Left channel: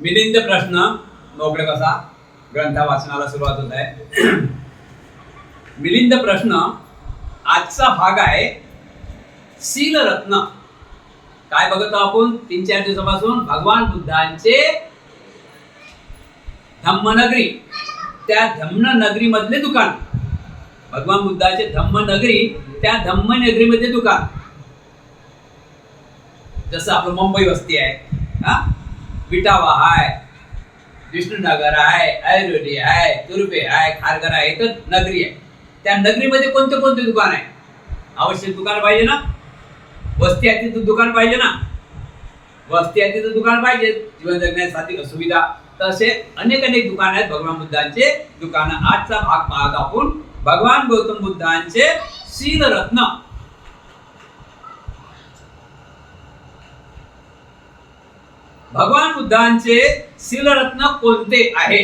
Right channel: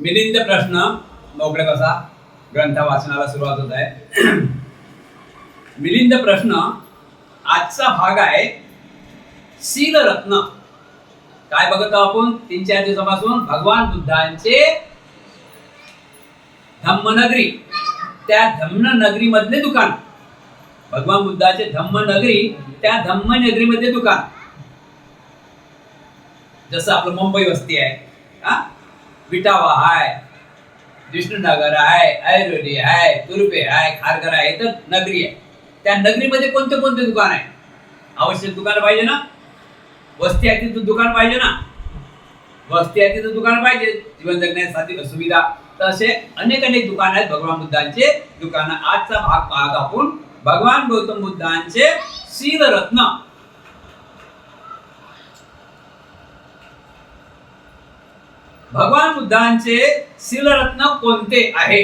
मिलिंद प्रश्न मोकळे बसा. ग्रंथ वाचनाला सुरुवात होत आहे. मिलिंद प्रश्न आजचा भाग आहे शीलरत्न. काय बघत आहोत आपण 3-4 दिवसापासून? भगवान बुद्धांचे धम्मनगरी, त्या धम्मनगरी मधले दुकान. भगवान बुद्धाचे धम्मनगरी, त्या धम्मनगरी मध्ये दुकान. जसं आपलं मुंबई वस्ती आहे, विटावा आहे, विष्णुनगर आहे, ऐरोली आहे, तुर्भे आहे, खारघर आहे, तर नगरी आहे. त्या नगरीमध्ये कोणते कोणते दुकान आहे? आवश्यक दुकान पाहिजे ना. वस्ती आहे तिथं दुकान पाहिजे ना. वस्ती आहे तिथं दुकान पाहिजे, जीवन जगण्यासाठी सुविधा. तर असे अनेक दुकान आहेत भगवान बुद्धांचे दुकान. आजचा भाग पाहत आपण भगवान गौतम बुद्धांचे शीलरत्न. भगवान बुद्धांचे शीलरत्न कोणते आहे?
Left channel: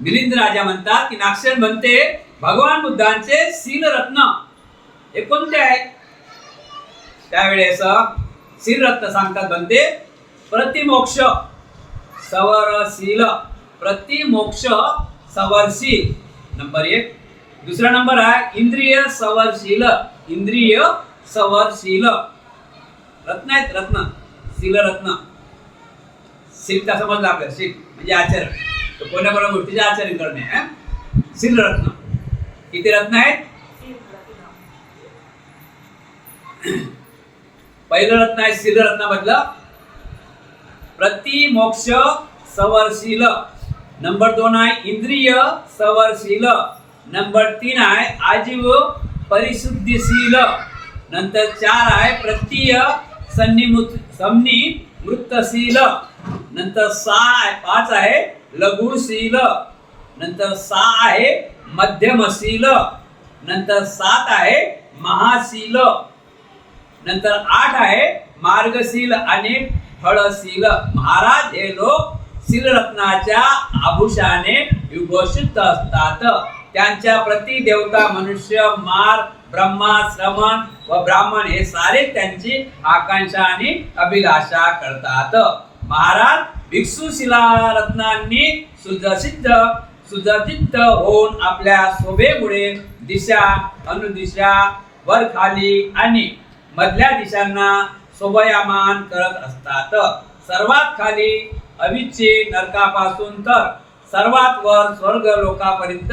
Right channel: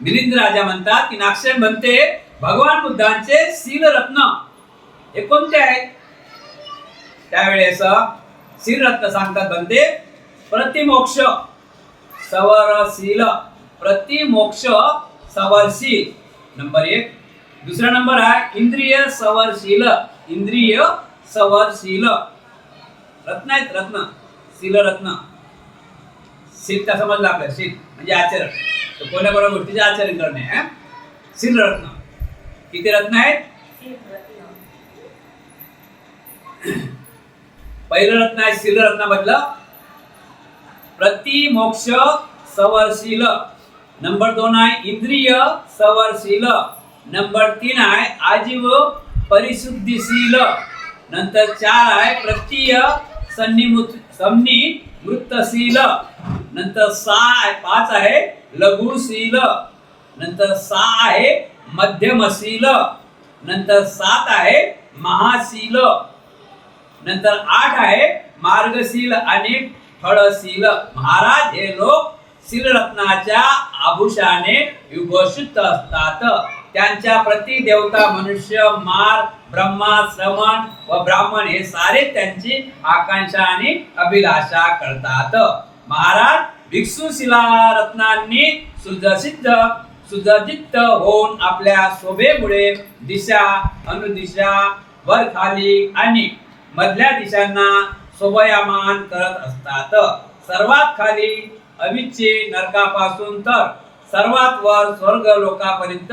मिलिंद राजा म्हणतात की नागसेन म्हणते भगवान बुद्धांचे शीलरत्न हे कोणते आहेत? त्यावेळेस शीलरत्न सांगतात म्हणते प्रतिमोक्ष सवरशील. प्रतिमोक्ष सवरशील नंबर 1. दुसरा नंबर आहे इंद्रिय सवरशील. इंद्रिय सवरशील रत्न आहेत. रत्न शीलरत्न. शील का समजलं आपल्याला? शील म्हणजे आचरण. तर कोणत्या कोणत्या गोष्टीचे आचरण करणे. शीलरत्न किती रत्न आहेत? पहिलं रत्न आहे शीलरत्न मधलं प्रतिमोक्ष सवरशील. नंबर 2 आहे इंद्रिय सवरशील. नंबर 3 आहे आजीव परिशुद्धीशील. नंतर 4 आहे प्रत्यय संनिवृत्तशील. नंतर 5 आहे लघुशील. नंतर 6 आहे मध्यमशील. नंतर 7 आहे महाशील. नंतर 8 आहे मार्गशील आणि फळशील. महाराज हे लोक शीलरत्नाच्या आभूषाने विभूषित असतात. त्यांच्या प्रति देवता, मनुष्य, मार, ब्रह्मा, श्रमण व ब्राह्मण हे सारे त्यांची आकांक्षा आणि अभिलाषा करतात. महाराज भिक्षू शीलरत्नांनी सुसज्जित होऊन आपल्या शोभेमुळे दिशा, अनुदिशा, वर खाली आणि मधल्या दिशांना शोभायमान करत असतात. सर्वात खाली अविच्चे नरकापासून तर सर्वात वर स्वर्ग लोकापर्यंत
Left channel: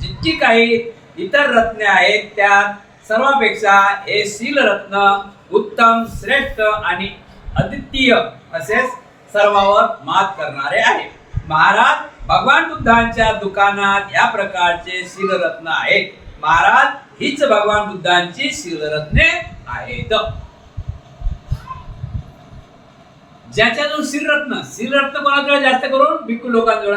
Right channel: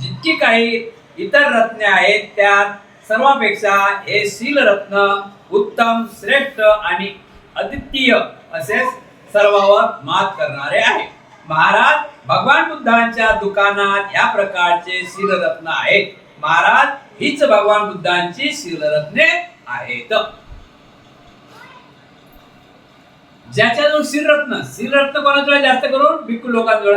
जितकी काही इतर रत्ने आहेत त्यात सर्वापेक्षा हे शीलरत्न उत्तम, श्रेष्ठ आणि अद्वितीय असे सर्वावर मात करणारे आहे. महाराज भगवान बुद्धांच्या दुकानात या प्रकारचे शीलरत्न आहेत. महाराज हीच भगवान बुद्धांची शीलरत्ने आहेत. ज्याच्याजवळ शीलरत्न कोणाजवळ जास्त करून? भिक्खू लोकांजवळ.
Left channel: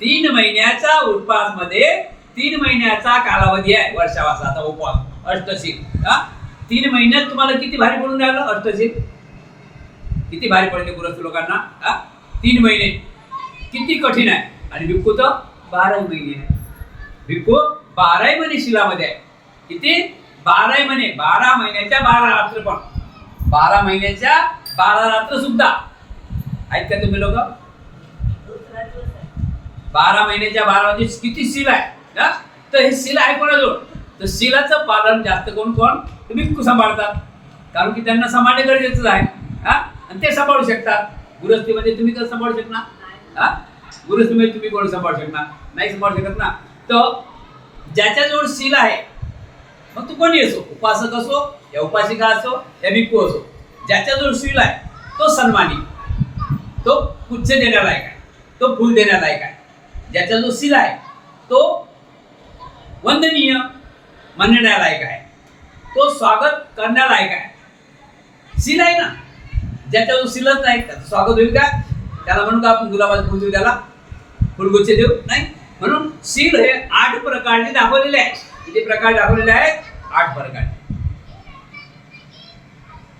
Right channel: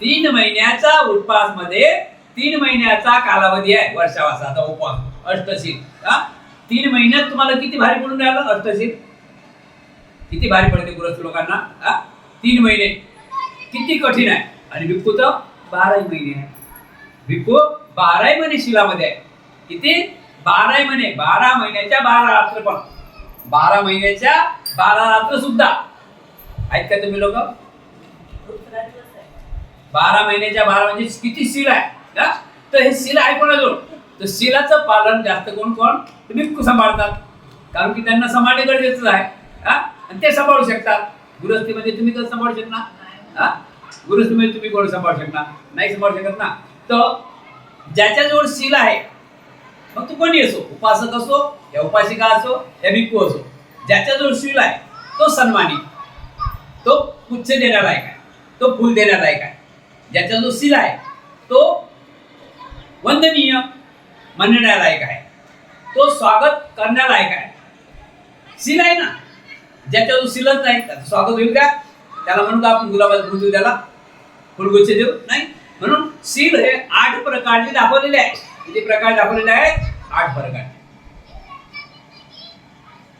3 महिन्याचा उपवास मध्ये 3 महिन्याचा कालावधी आहे वर्षावासाचा उपवास अष्टशील. 3 महिन्यात तुम्हाला किती भारी पडून राहिलं अष्टशील? किती भारी पडते गृहस्थ लोकांना? 3 महिने किती कठीण आहे. आणि भिक्खू तर 12 महिने आहे. भिक्खू 12 महिने शिलामध्ये आहे. किती? 12 महिने. 12 महिन्याच्या 12 रात्र. पण 12 महिन्याच्या 12 रात्र सुद्धा आहेत का तुम्ही लोक? 12 महिन्याच्या 12 म्हणजे किती शील आहे. तर हे शील आहे कोणाजवळ? तर शीलाचं पालन जास्त करून कोण? भिक्खू सांभाळतात. कारण की त्यांना सांभाळणे गरजेचंच आहे. आणि ते सांभाळू शकतात. गृहस्थीमध्ये तुम्ही कसं सांभाळू शकणार? गृहस्थीमध्ये तुम्ही कोण सांभाळू शकणार? नाही सांभाळू शकत ना. तर ज्याच्याजवळ शील आहे, मग तू कोणी असो, उपासक असो या उपासिका असो या भिक्खू असो, ज्याच्याजवळ शील आहे तो सन्मानी, तो पुच्छ देण्यालायक आहे, तो फुल देण्यालायक आहे. ज्याच्याजवळ शील आहे तो वंदनीय म्हणण्यालायक आहे, तो स्वागत करण्यालायक आहे. शील आहे ना. ज्याच्याजवळ शीलच नाही त्याचं स्वागत होईल का? त्याला म्हणून का आपण गुलाबाचं फुल देऊ, त्याला फुलगुच्छ देऊ? नाही. म्हणून शील हे 8 प्रकारचे दाखवलेले आहे. किती प्रकार दाखवलेले आहेत? 8 प्रकार.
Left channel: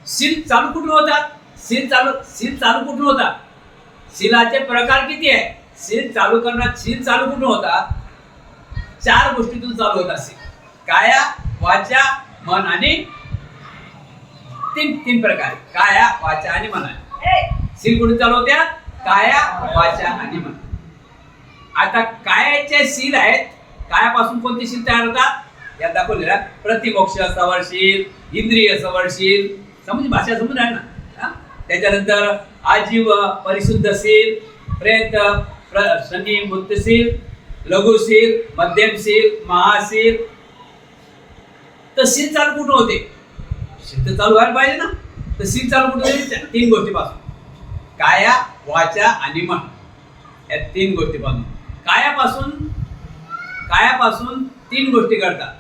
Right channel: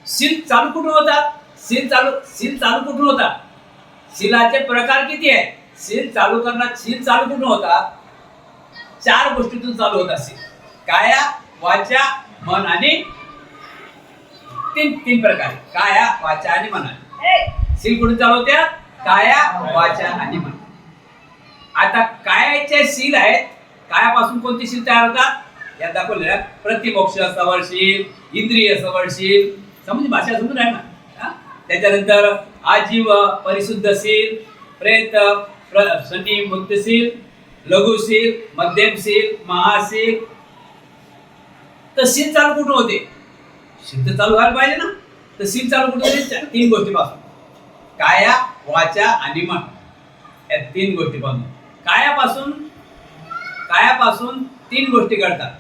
शील चालू कुठून होतात? शील चालू कुठून होतात? शीलाचे प्रकार किती आहे? शील चालू कुठून होतात? 4 गोष्टीतून चालू होतात शील. काया, वाचा, मन आणि तीन प्रकारे काया, वाचा आणि मन. सील कुठे चालवत्या? काया, वाचा आणि मन. आता कायाचे सील आहेत. कायापासून कोणती सील तयार होतात? यात दाखवलेल्या प्रतिमोक्ष सवरशील, इंद्रिय सवरशील, समजून भाषा समजून आहे ना. त्याच्यानंतर आजीव परिशुद्धशील, प्रेत शनी मुक्तशील, लघुशील, मध्यमशील, महाशील. तर सील चालू कुठून होते? शील तर चालू व्हायला पाहिजे ना. तर सील चालू कुठून होते? तीन गोष्टीपासून, काया, वाचा आणि मन. या तीन गोष्टीपासून. कायापासून तीन गोष्टी घडतात.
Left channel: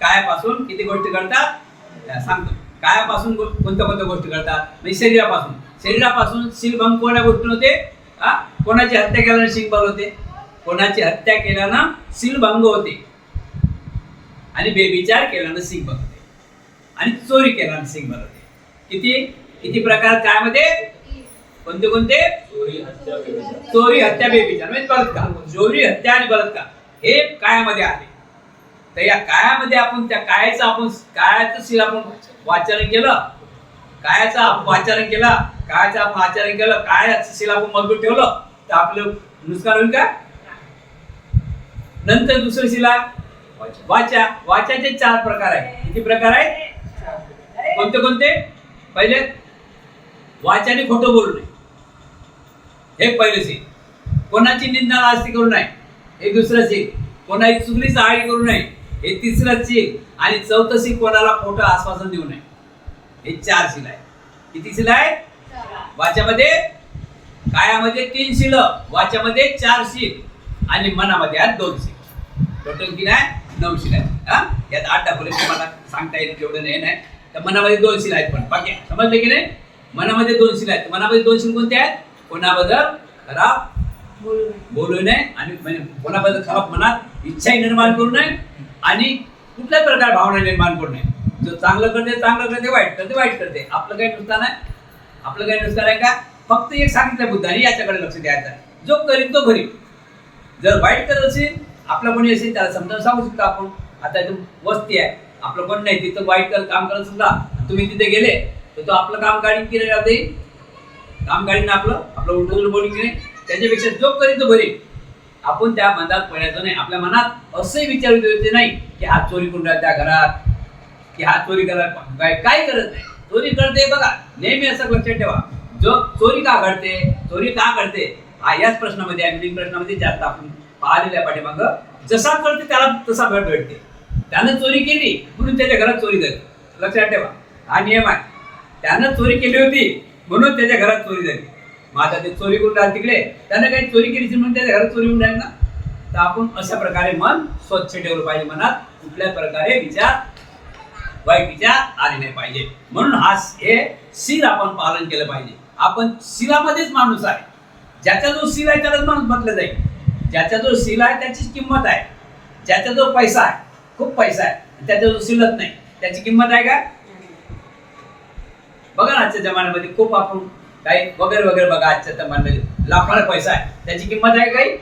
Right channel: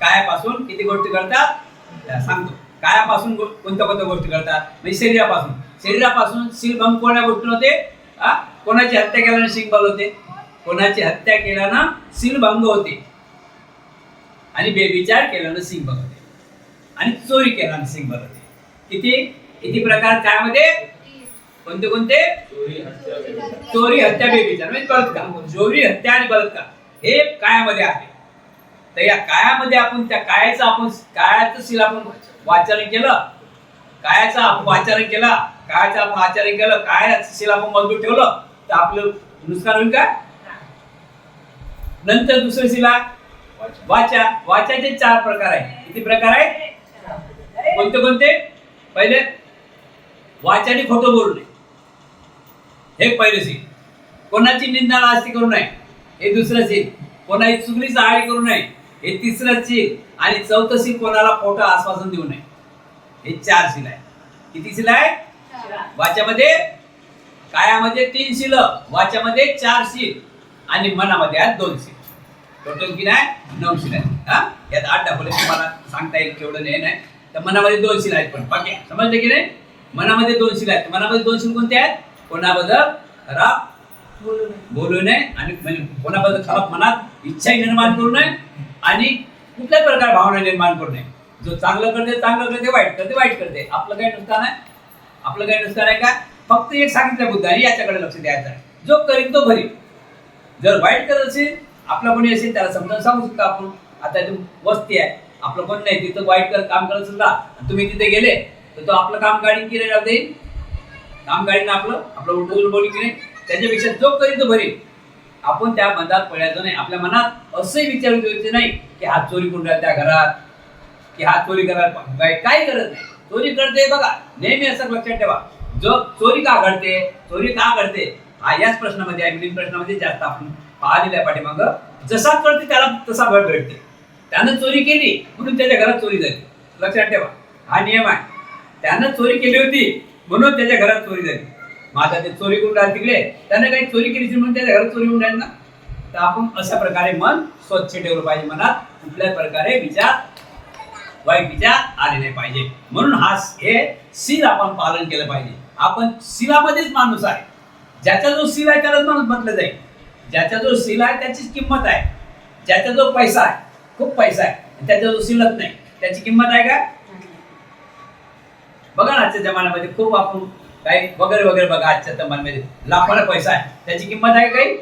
कायापासून किती गोष्टी घडतात सांगतो. कायापासून कोणत्या गोष्टी घडतात? म्हणजे शरीरापासून शीलभंग कोणत्या गोष्टी होते? कोणाची हत्या केल्यानं शीलभंग होते? कोणाची हत्या केल्यानं शीलभंग होते. आणि बेविचार केल्यानं शीलभंग होते. आणि चोरी केल्यानं शीलभंग होते. किती प्रकार कायामध्ये? कोणते? चोरी, हत्या, बेविचार म्हणजे बलात्कार. चोरी, हत्या आणि बलात्कार हे कायामध्ये आहे. तर या कायामध्ये आपण त्या कायाचं शील आपण वाचन केलं, कायाचं आपण आचरण केलं, कायाचं शील आपण मजबूत ठेवलं तर आपलं नुकसान होईल का? नंतर दुसरं शील आहे वाचा. वाचाचे 4 प्रकार आहे. किती प्रकार आहे? कोणते? पहिले वाचाने खोटं बोलू नये, हे पहिलं शील. कोणाची निंदा लाजती करू नये, हे दुसरं शील. कोणाची चुगलीची आळी करू नये, हे तिसरं शील. आणि चौथं शील कोणाला खोटं आश्वासन देऊ नये. हे 4 शील आहे. किती शील आहे? वाचामध्ये, कायामध्ये 3 शील, वाचामध्ये 4 शील आणि मनामध्ये आहेत 2 शील. टोटल किती आहे? 9 शील आहे. यात 8 दाखवले, मला सांगता येईल केवढं नाही. तर मनामध्ये 2 शील आहेत. पण बाकी समजले की नाही? मनामध्ये 2 शील आहेत. मनामध्ये 2 शील कोणते आहेत? कोणाबद्दल खराब बोलू नये, आणि म्हणजे कोणाबद्दल खराब मनात इच्छा निर्माण करू नये, आणि कुठल्याच प्रकार भावना निर्माण करू नये. जो चांगलं करते, वाईट करते. आपलं काही नुकसान आहे का? फक्त एक सांगितलं बुद्धाने, याच्याकडे लक्ष द्यायचं आहे. जो करीन तो भरीन. जर वाईट करत असेल, आपला कोणी असेल त्याला समजावून सांगू शकतो आपण. आता इथं वस्ती आहे, आपलं कोण नाही, तिथं वाईट काम करत सुद्धा तुम्ही तिथे गेले तर तो आपलं काम गाडी केलं जाते. काम गाडीनं आपलं उलटून बोलिंग नाही. त्याच्यापेक्षा जो करीन तो भरीन. आपण त्या मनात पडायचं नाही. आपल्या मनात असंही विचार द्यायचे नाही की हा चोरी करून राहिला त्या घरात, की हा चोरी करायला काय करत नाही. चोरी करते बघा, नेहमी असं लक्षात ठेवा. जो चोरी का घडते हा याच प्रश्नामध्ये आहे, मिलिंग प्रश्नामध्ये जास्त आपण पाहिलेलं आहे पाठीमागं. जसा करते त्याला तसा भेट भेटते. त्यानं चोरी केली म्हणून त्याच्या घरात चोरी झाली. लक्षात ठेवा, हा नियम आहे. त्यानं चोरी केली होती म्हणून त्याच्या घरात चोरी झाली. मग आता ते चोरी करून राहिले तिकडे, त्यानं काही चोरी केली म्हणून त्याच्या घरात चोरी होऊन राहील ना. तर आपण अशा प्रकारे मन स्वच्छ ठेवलं पाहिजे. मनात कुठल्याच प्रकारे वाईट विचार आले नाही पाहिजे. म्हणून हे शील आपण पालन केलं पाहिजे. आपण शीलामध्येच माणूस आहे. ज्याचा जो शील आहे त्यालाच माणूस म्हटलं जाईल. ज्याचा जो शील आहे त्याचीच किंमत आहे. ज्याचा जो पैसा आहे, खूप पैसा आहे, त्याचा जो शीलच नाही, त्याची किंमत आहे का? बघा ना, आजच्या जमान्यामध्ये खूप आपण काही वगैरे बघा. आजच्या जमान्यामध्ये लाखोला पैसा आहे, त्याची किंमत आहे काही?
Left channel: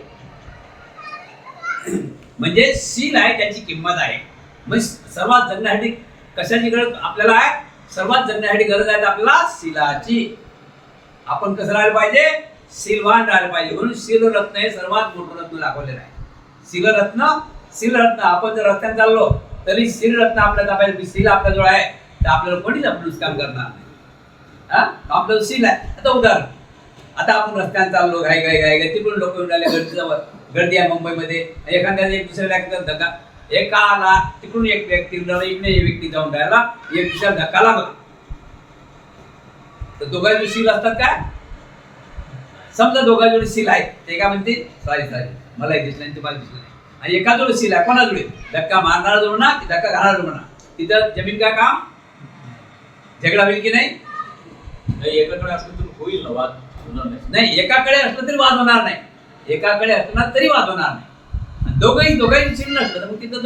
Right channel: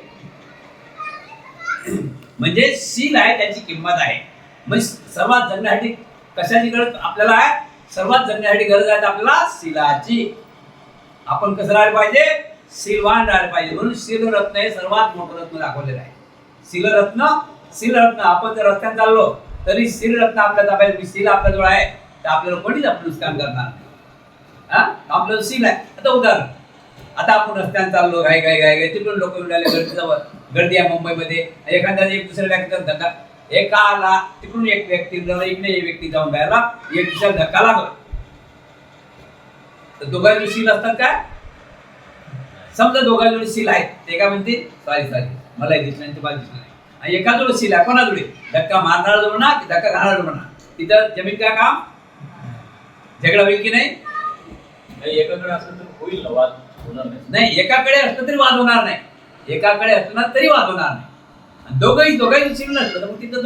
म्हणजे शील आहे त्याची किंमत आहे. म्हणजे सर्वात जगण्यासाठी कशाची गरज आपल्याला आहे? सर्वात जगण्यासाठी गरज आहे आपल्याला शीलाची. आपण कसं राहायला पाहिजे? शीलवान राहायला पाहिजे. म्हणून शीलरत्न हे सर्वात मोठं रत्न दाखवलेलं आहे. शीलरत्न. आपण जर रस्त्यात चाललो तरी शीलरत्न आपल्या ताब्यात, शील आपल्याजवळ आहे तर आपल्याला कोणीच आपलं नुकसान करणार नाही. आपलं शील आहे. आता उदाहरण, आता आपण रस्त्यात चाललो, घाई तिकडून लोक येऊन राहिले, गर्दी आहे मुंबईमध्ये. एखाद्या एक दुसऱ्याला धक्का, एकाला तिकडून एक व्यक्ती इकडे एक व्यक्ती जाऊन राहिला, एक दुसऱ्याला धक्का लागला तर दोघांचे शील असतात काय? समजा दोघांजोडे शील आहेत, ते काय म्हणते सॉरी मलाही दिसलं नाही, तुम्हाला दिसलं नाही. आणि एकाजोडे शील आहे, कोणाजोडे? धक्का मारणारा जोड ना की धक्का घालणारा म्हणा. तिथं जमीन काय काम? झगडा होईल की नाही? एकाकडे असलं तर होईल ना, वाद होणार नाही. एकाकडे असलं तरी वाद होणार नाही. एकाकडे असणार तरी वाद होणार नाही. दोघांची शील नसलं तर मग तिथं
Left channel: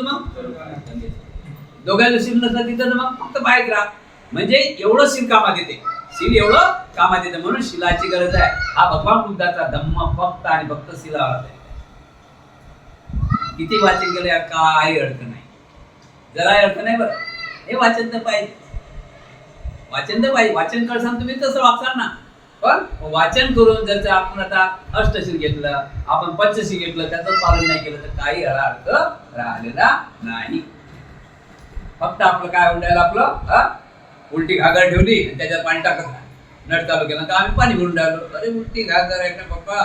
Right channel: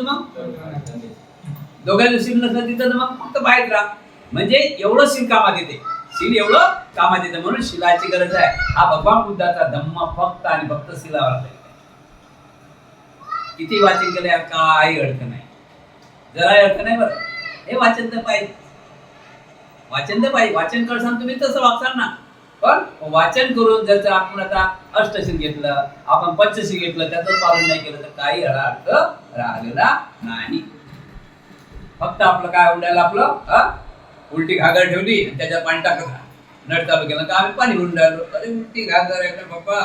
दोघांचं शील नसलं तिथं तर मग फक्त बाहेर राहा. म्हणजे एवढं शील कामात येते. शील एवढं कामात येतं. म्हणून शीलाची गरज आहे. हा भगवान बुद्धाचा धम्म फक्त आणि फक्त शीलावर. किती वाचन केलं काही अडचण नाही. जरा अर्थ नाही बरं. हे वाचन तर पाहिजे, वाचन तर पाहिजे. वाचन करसान तुम्ही तसं वागसाल ना. पण वाचन करून जर आपण आता अष्टशील घेतलं, आपण पंचशील घेतलं, त्याचं पालन नाही केलं तर काही याला अर्थ राहिलेला नाही. फक्त आपलं काय उडायला आपलं उलटी घागर ठेवली आणि त्याच्यात पाणी टाकत राहा. नळ चालू केलं का आम्ही पाणी भरून राहिलो. अरे उलटी घागर आहे का पप्पा?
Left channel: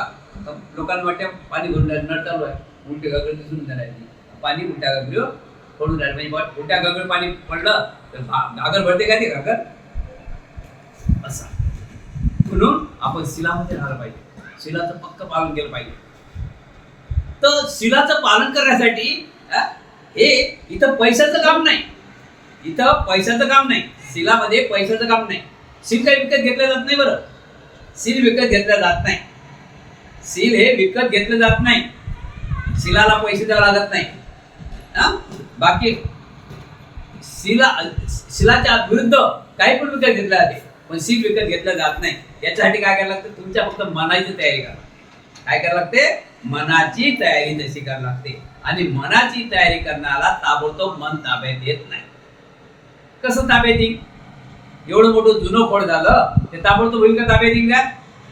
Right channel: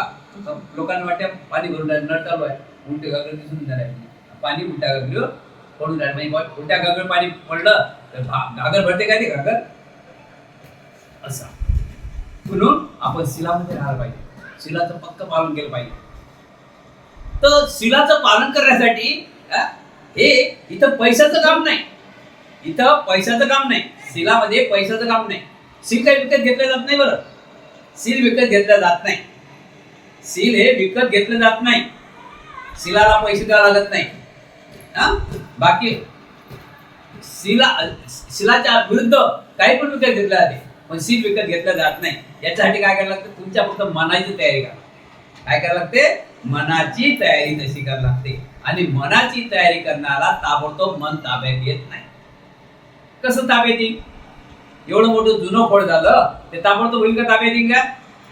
लोकांना वाटते पाणी भरून राहिलं, नळ चालू आहे, उलटी घागर दिसून राहिली, पाणी उलट्या घागरीवर पडून राहिलं. म्हणजे उलट्या घागर पाणी पडलं तर घागर भरते का ते घागर? असं म्हणून आपण शिलामध्ये राहायला पाहिजे, शिलाचं पक्क पालन केलं पाहिजे. तर शिलाचं पालन करण्यासाठी हे इथं पैशाचं काम नाही, इथं पैशाचं काम नाही, शिलामध्ये पैशाचं काम नाही. सील काही विकत घेतलं जात नाही बरं, सील विकत घेतलं जात नाही. सील हे विकत घेतलं जात नाही, शिलाला पैसे द्यावे लागत नाही. बाकी शिलाच्या विरुद्ध काही पण विकत घेतलं जाते, पण सील विकत घेतलं जात नाही. याच्यासाठी काय करायला लागतं? तुमच्या फक्त मनाची तयारी करा. काय करायला लागते? मनाची तयारी तशी करायला लागते. आणि मनाची तयारी करण्याला ताबडतोब मन ताब्यात येत नाही. कसं ताब्यात येईल? एवढं मोठं जुनं खोड झालं ते ताबडतोब होईल का ताब्यात येईल का?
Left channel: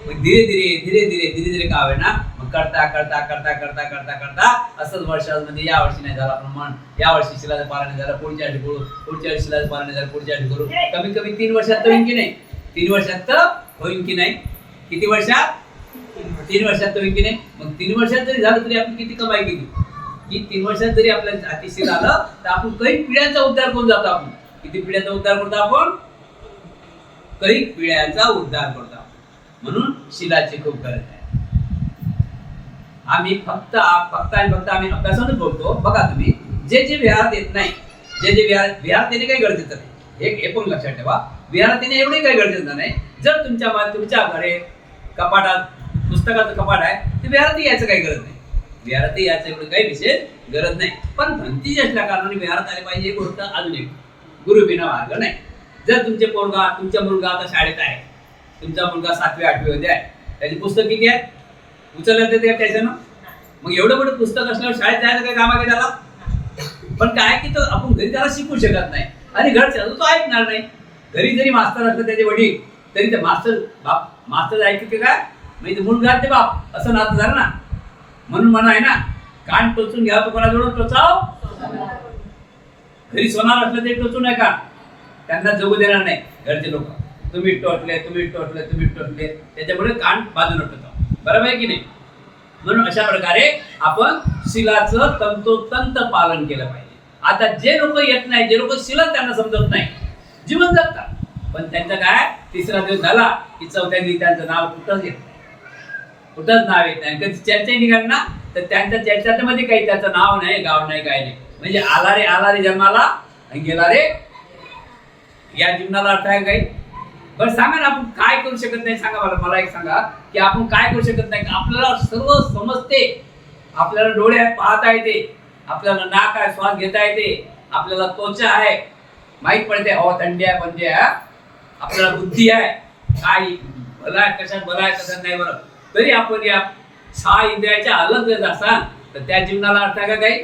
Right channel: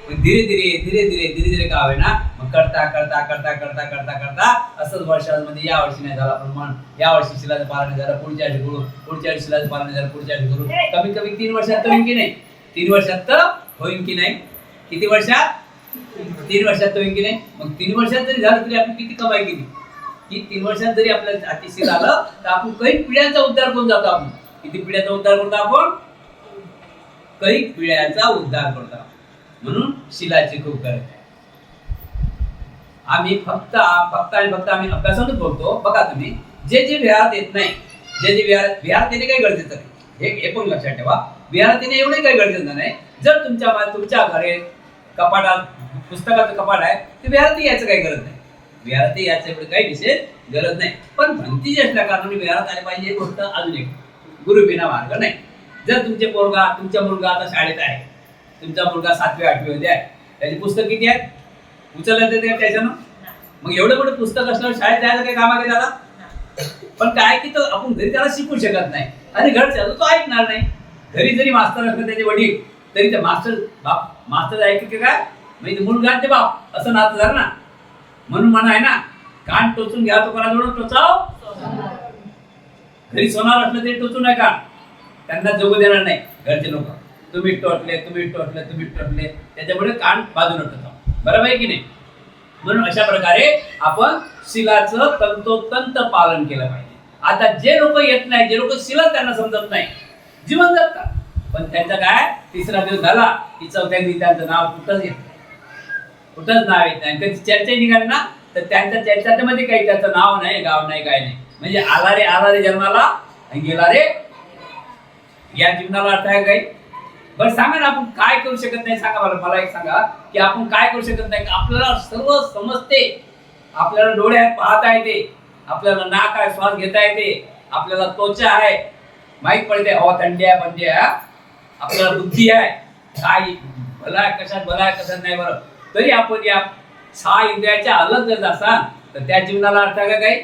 मग धीरे धीरे धीरे धीरे धीरे धीरे का ना, मग करता करता करता करता करता करता असंच वर्षामध्ये या वर्षी नाही झालं आपण मन, या वर्षी शिलाचं पालन नाही झालं, पुढच्या वर्षी करू, पुढच्या वर्षी शिलाचं पालन नाही झालं, पुढच्या वर्षी करू. कमी कमी 3 वर्षात तर होईल की नाही? 3 वर्षात तर होईल की नाही? किती वर्षात? 3 वर्षात तर होईल की नाही? मग 3 वर्षात जरी झालं तरी आपण किती कमाई केली? की 3 वर्षात जरी आपल्याला अतिशील आलं तर आपण काही पिढ्यांचा उद्धार करून जातो. आपण किती पिढ्यांचा उद्धार करतो? आपण काही पिढ्यांचा उद्धार करतो. म्हणून शिलाची खूप गरज आहे. आम्ही फक्त आम्ही अभ्यासानच बोलतो. बघा तुम्ही, जे विहारात येत नाही, जे विहारात येणे काही गरजेचं नाही. हे पण लक्षात ठेवा, विहारात येणे एवढे काही गरजेचं नाही. जर तुमच्या घरे कपाटात पुस्तकाचं कपाट आहे ते विहारात यायचं काही गरज नाही. विहारात यायचं एवढं काही विशेष गरज नाही. पण भंतीची असल्या कारणाने विहारात आले पाहिजे. एक गोष्ट अजून एक, गुरुबिना मार्ग नाही. जर तुमचा मुलगा आता शाळेत आहे, तुमचा मुलगा 7वी 8वी मध्ये आहे, त्याची पुस्तक किती आहेत? उचलण्यात येते का त्याच्यानं? मग एवढं मोठं पुस्तक असल्यावर शाळेत जायचं काही काम आहे त्याला? पण काय की तो आपण घरी त्याला शिकू शकत नाही आणि घरच्या तो ऐकणार नाही. घरी जरी मास्तर असलं त्याचे वडील तरी ते मास्तर ऐकते काय? म्हणजे मुलगा ते बाप असं नातं झालं ना. म्हणून म्हणा आहे ना, कान टोचून घ्या तो कोणाजवळ टोचाव. घरी सोनार असलं ते टोचू नये कान, त्यांना जगू देणार नाही घरचे लोक. तुम्ही टोचले त्याच्यामुळे कान बाजूला टोचाव. बरोबर आहे की नाही? म्हणून अशा प्रकारे आपण शिलाचं तंतोतंत पालन केलं पाहिजे. आता जे लोक येत नाही, जे लोक शिला त्यांना समजत नाही, जीवन जगतात, पण त्यांचं काय 3रा दिवस झाला की 4थ्या दिवशी त्यांचं नाव कुठंच येत नाही, कुठंच नाव येत नाही. कधी चर्चा निघाल ना तर त्यांच्या चर्चामध्ये काही त्याचं नाव नाही, गाव नाही, काय नाही. म्हणजे आला रे जन्माला आणि गेला रे या जीवनाला अर्थ आहे काही? बरं सांगा ना, आपण काय करू शकत नाही? सांगा मला एक सांगा की आपण काय करू शकत नाही? आपल्याला सर्व समजते, आपल्याला डोळे आहेत पाहता येते, आपल्याला नाक आहे श्वास घेता येते, आपल्याला त्वचा आहे माहीत पडते, हवा थंडी आहे बंदी आहे, आपल्याला बुद्धी आहे, काय भला आहे कशात भला आहे कशात नाही बरं, तरी आपण या 6 इंद्रियाच्या अलग जर असाल तर त्या जीवनाला अर्थ आहे का काही?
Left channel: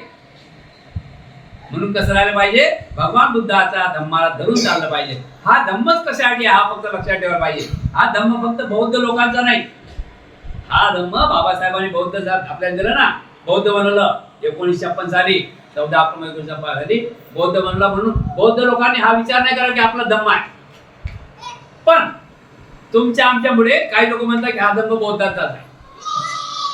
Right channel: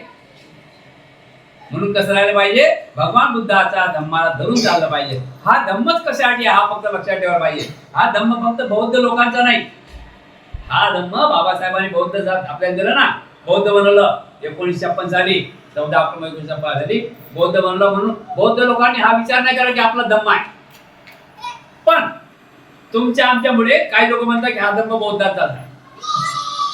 म्हणून कसं राहिलं पाहिजे? भगवान बुद्धाचा धम्माला धरून चाललं पाहिजे. हा धम्मच कशासाठी? हा फक्त लक्षात ठेवायला पाहिजे. हा धम्म फक्त बौद्ध लोकांचा नाही. हा धम्म बाबासाहेबांनी बौद्ध आपल्याला दिलं ना, बौद्ध बनवलं 1956 साली, 14 ऑक्टोबर 1956 साली बौद्ध बनवलं. म्हणून बौद्ध लोकांनी हा विचार नाही करा की आपला धम्म आहे. पण तुमच्या आमच्यामुळे काही लोक म्हणतात की हा धम्म बौद्धाचाच आहे.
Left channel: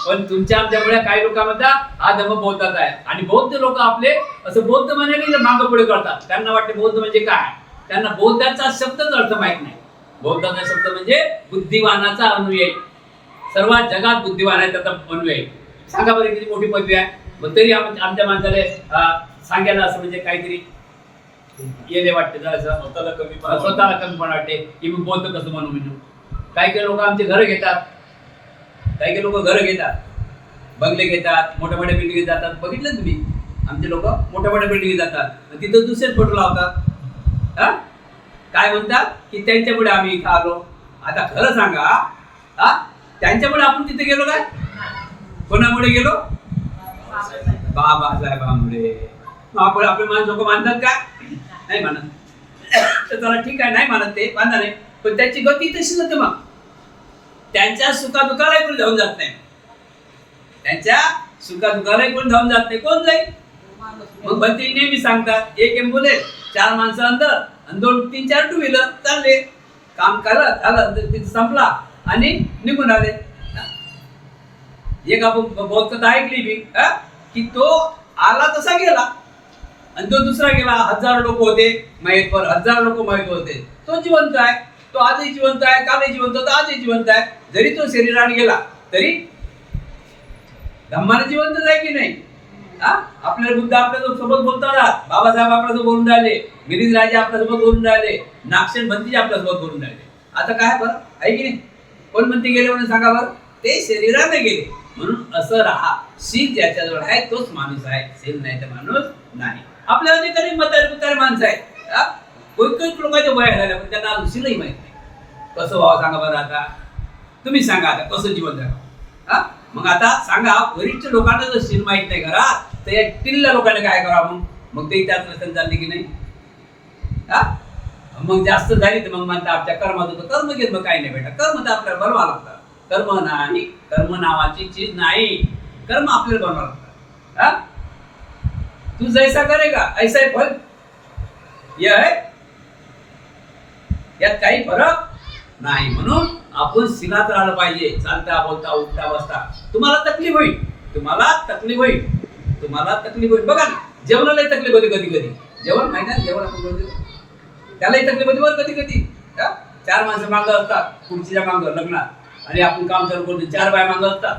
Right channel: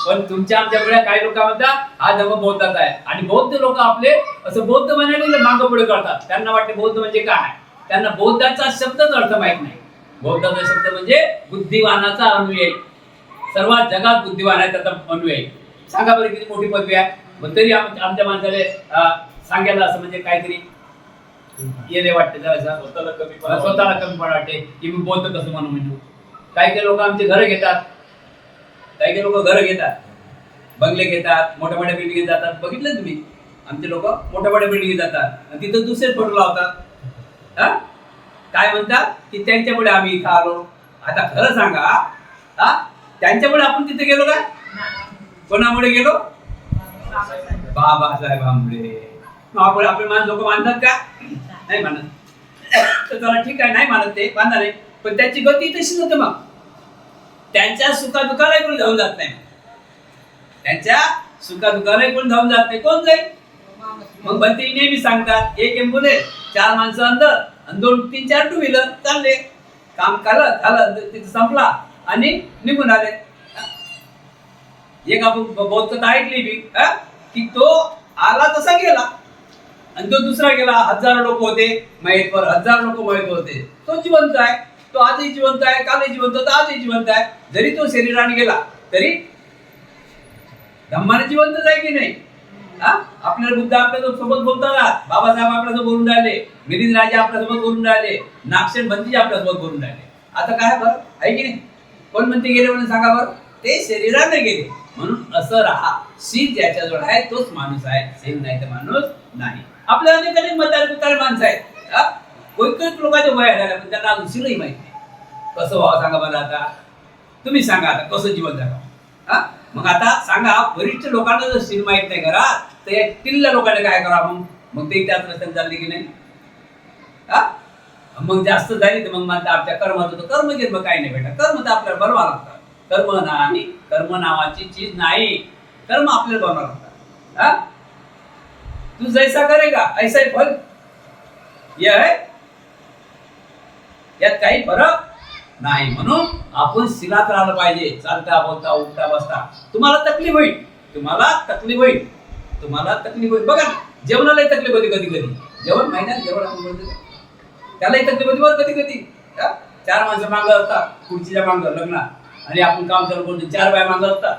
पण तुमच्या आमच्यामुळे काही लोक म्हणतात हा धम्म बौद्धाचा आहे. आणि बौद्ध लोक आपले असं बौद्ध म्हणायला मागं पुढे करतात. त्यांना वाटते बौद्ध म्हणजे काय? त्यांना बौद्धाचा शब्दच अर्थ माहित नाही. बौद्धाचा शब्द म्हणजे बुद्धिवानाचा अनुयायी. सर्वात जगात बुद्धिवान आहे त्याचा अनुयायी. सांगा बरं किती मोठी पदवी आहे. मग तरी आमच्या माणसाला सांगायला असं म्हणजे काहीतरी येले वाटते, जरा स्वतःला कमी पण वाटते की मी बौद्ध कसं म्हणू. काही लोक आमचे घरं घेतात, काही लोक घरं घेतात, बंगले घेतात, मोठ्या मोठ्या बिल्डिंग जातात. बघितलं तुम्ही? आमचे लोक मोठ्या मोठ्या बिल्डिंग जातात आणि तिथं दुसरेच फोटो लावतात. काय म्हणतात की त्यांच्यामुळे आम्ही इथं आलो. आता खरं सांगा, त्यांच्यामुळे आपण तिथे गेलो काय? कोणामुळे गेलो? बाबासाहेबांमुळे. आपण आपले लोक मानतात का? नाही मानत. तर चला ठीक आहे, नाही मानत ते बांधा नाही, पण त्याची गती तशीच होते. मग त्यांच्या सुखादुखालाही कोणी धावून जात नाही. त्यांच्या सुखादुखालाही कोणी धावून जात नाही. कोण जाईल? मग भंते नेहमी सांगतात, एक एम्ब्युलन्स, 4 माणसं अंदर आणि 2-3-4 टू व्हीलर चालले. काम केलं झालं, तिथं संपला आणि निघून आले. एक आपण बहुत कथा ऐकली बी की तो आला तसा गेला आणि तो दुसरा गेला. 1000 लोक होते माहीतवर, 1000 लोक माहीत होते. तो जिवंत आहे, तो आजही जिवंत आहे, कालही जिवंत होता, आजही जिवंत आहे. जरी तो शरीराने गेला तरी धम्माने जिवंतच आहे की नाही? आपल्याला बुद्ध आपल्या सोबत बोलतात, बाबासाहेब आपल्यासोबत बोलून राहिले, मिलिंद राजे आपल्यासोबत बोलून राहिले, नागसेन भंतीजी आपल्यासोबत बोलून राहिले. आता काय बरं आहे की नाही? कोण म्हणते गेले म्हणून सांगा बरं? ते शरीराने गेले. म्हणून असं राहा, शील ज्याच्याजवळ आहे तोच माणूस आहे, शील नाही तर माणूस नाही. आपल्या अनेक म्हातारे माणसं आहेत, काही लोकांचे वय झाले पण त्यांना अजून शीलही माहित नाही. कसं व्हावं सांगा बरं? आता तुम्ही सांगा, आता कसं जीवन जगावं? मग आता सांगा, वरिष्ठ लोकांना जर शील माहित नाही करा तर या टिल्ल्या लोकांना काय करा? मग ते त्याच रस्त्याने चालले की नाही? मग जास्त झाली तर मग म्हणता आमच्या कर्मात होतं. कर्म घेत मग काही नाही बेटा, कर्म तर आपल्याला बनवा लागतात. कर्म नाही, कर्म नावाची चीज नाही. कर्म आपल्याला बनवा लागतात. तू जैसा करेगा ऐसा ही फल. यह है, यात काही फरक नाही. म्हणून आपण शिलात राहिलं पाहिजे. चालता बोलता उठता बसता तुम्हाला तकलीफ होईल, तुम्हाला तकलीफ होईल. बघा ना, जेवणालाही तकलीफ होते कधी कधी. जेवण माहिती आहे, जेवण आपण बोलतो त्यालाही तकलीफ होती बरं कधी कधी. 4 माणसं मागं असतात खुर्चीच्या मागं लग्नात, आणि आपण काम चालू करतो 4 बाय मागं असतात.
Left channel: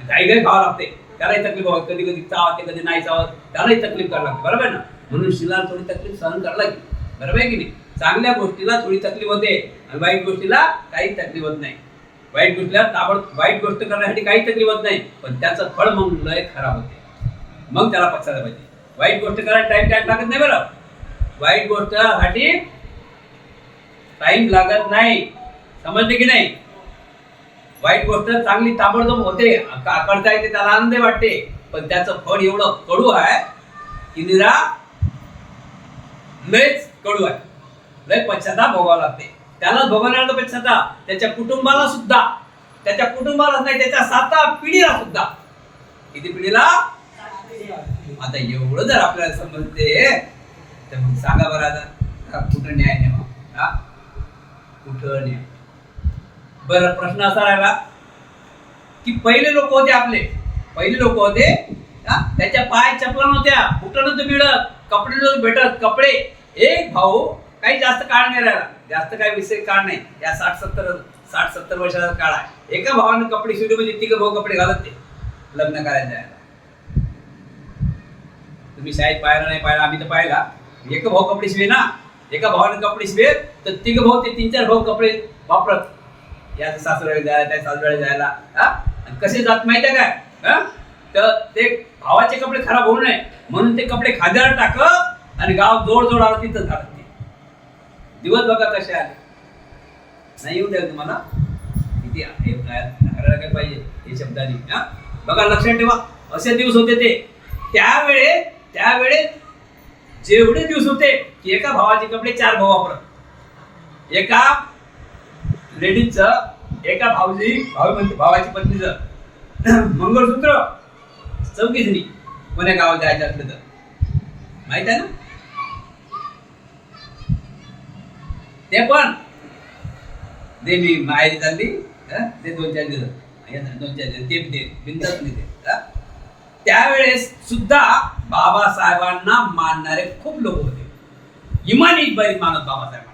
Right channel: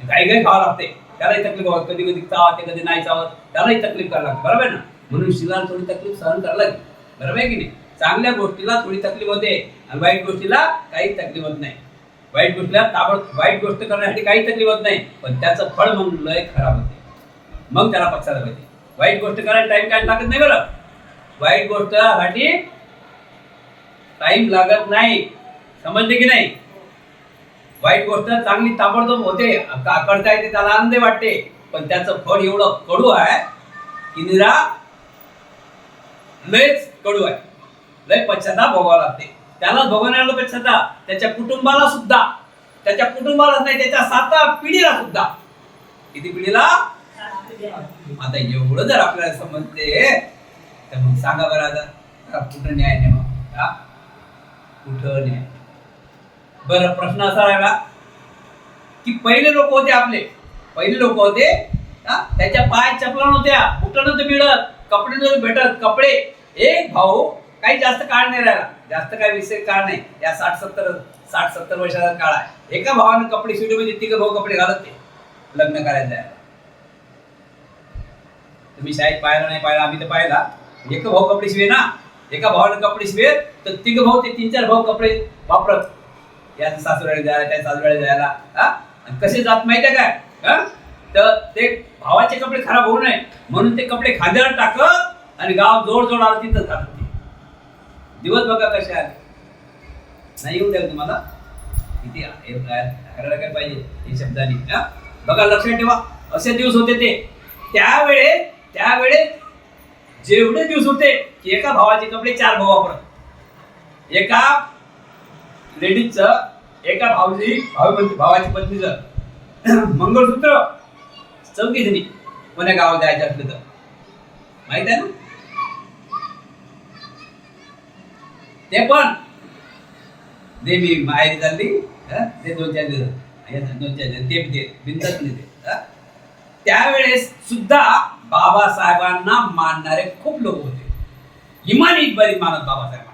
काही खावं लागते, त्यालाही तकलीफ होत. कधी कधी चावते, कधी नाही चावत, त्यालाही तकलीफ करायला लागते. बरोबर ना? म्हणून शिलाला थोडी तकलीफ सहन करायला लागेल. बरोबर आहे की नाही? चांगल्या गोष्टीला थोडी तकलीफ होते आणि वाईट गोष्टीला काही तकलीफ होत नाही. वाईट गोष्ट करण्यासाठी काही तकलीफ होत नाही, पण त्याचं फळ मग लय खराब होते. मग त्याला पक्षाला पाहिजे. वाईट गोष्ट करायला टाइम लागत नाही. बरं, वाईट गोष्टसाठी टाइम लागत नाही. समजले की नाही? वाईट गोष्ट चांगली ताबडतोब होते, करता येते, त्याला आनंद वाटते, पण त्याचं फळ एवढं कडू आहे की निरा लयच कडू आहे. लय पश्चाताप भोगावा लागते. त्यालाच भोगवण्याला पश्चाताप, त्याच्या कुटुंबाला सुद्धा, त्याच्या कुटुंबालाच नाही, त्याच्या 7 पिढीला सुद्धा. किती पिढीला? आता एवढं जर आपल्याला समजते तर मग सांगा बरं आता कुठं न्याय नाही? मग कुठं न्याय? बरं, प्रश्न असा राहिला की पहिले लोक होते, पहिले लोक होते, त्याच्या पायात चपला नव्हत्या, कुठं नव्हतं मिळत, कपडे नव्हते भेटत. कपडे एक भाऊ काही जास्त काळ नाही राहिला, जास्त काही विषय काळ नाही, या 60-70 वर्षाचा काळ आहे. एका भावाने कपडे शिवले म्हणजे 3 भाऊ कपडे घालत ते लग्न करायला जायला. तुम्ही शाळेत पाहिला नाही पाहिला, आम्ही तर पाहिला. एक भाऊ कपडे शिवे ना, एका भावाने कपडे शिवे तर 3 भाऊ ते 3-4 भाऊ कपडे वापरत. या सासूरवाडी जायला, त्या सासूरवाडी जायला. आणि कसे जात माहिती आहे काय? तर ते भावाचे कपडे खराब होऊ नये म्हणून ते कपडे खांद्यावर टाकत आणि गाव जोड आलं तिथं घालत. दिवस बघा कसे आले. नाही येऊन द्याल तुम्हाला किती काय पाहिजे हे शब्दांनी. बघा, लक्षात ठेवा, असे दिवस होते ते. त्यावेळेस जेवढे दिवस होते की एका भावाचे कपडे 4 भाऊ वापरत. एका लेडीजचं, एका भावाची पत्नीचं मंगळसूत्र 4 जणी कोण्या गावात जायचं असलं तर माहित आहे ना? ते पण देवी माहेरी चालली ते 2-4 दिवस, 2-4 दिवस ते बिनतात पण येते. त्यावेळेस सुद्धा बाबासाहेबांना मानणारे खूप लोक होते. इमानी बरीच मानत बाबासाहेबांना.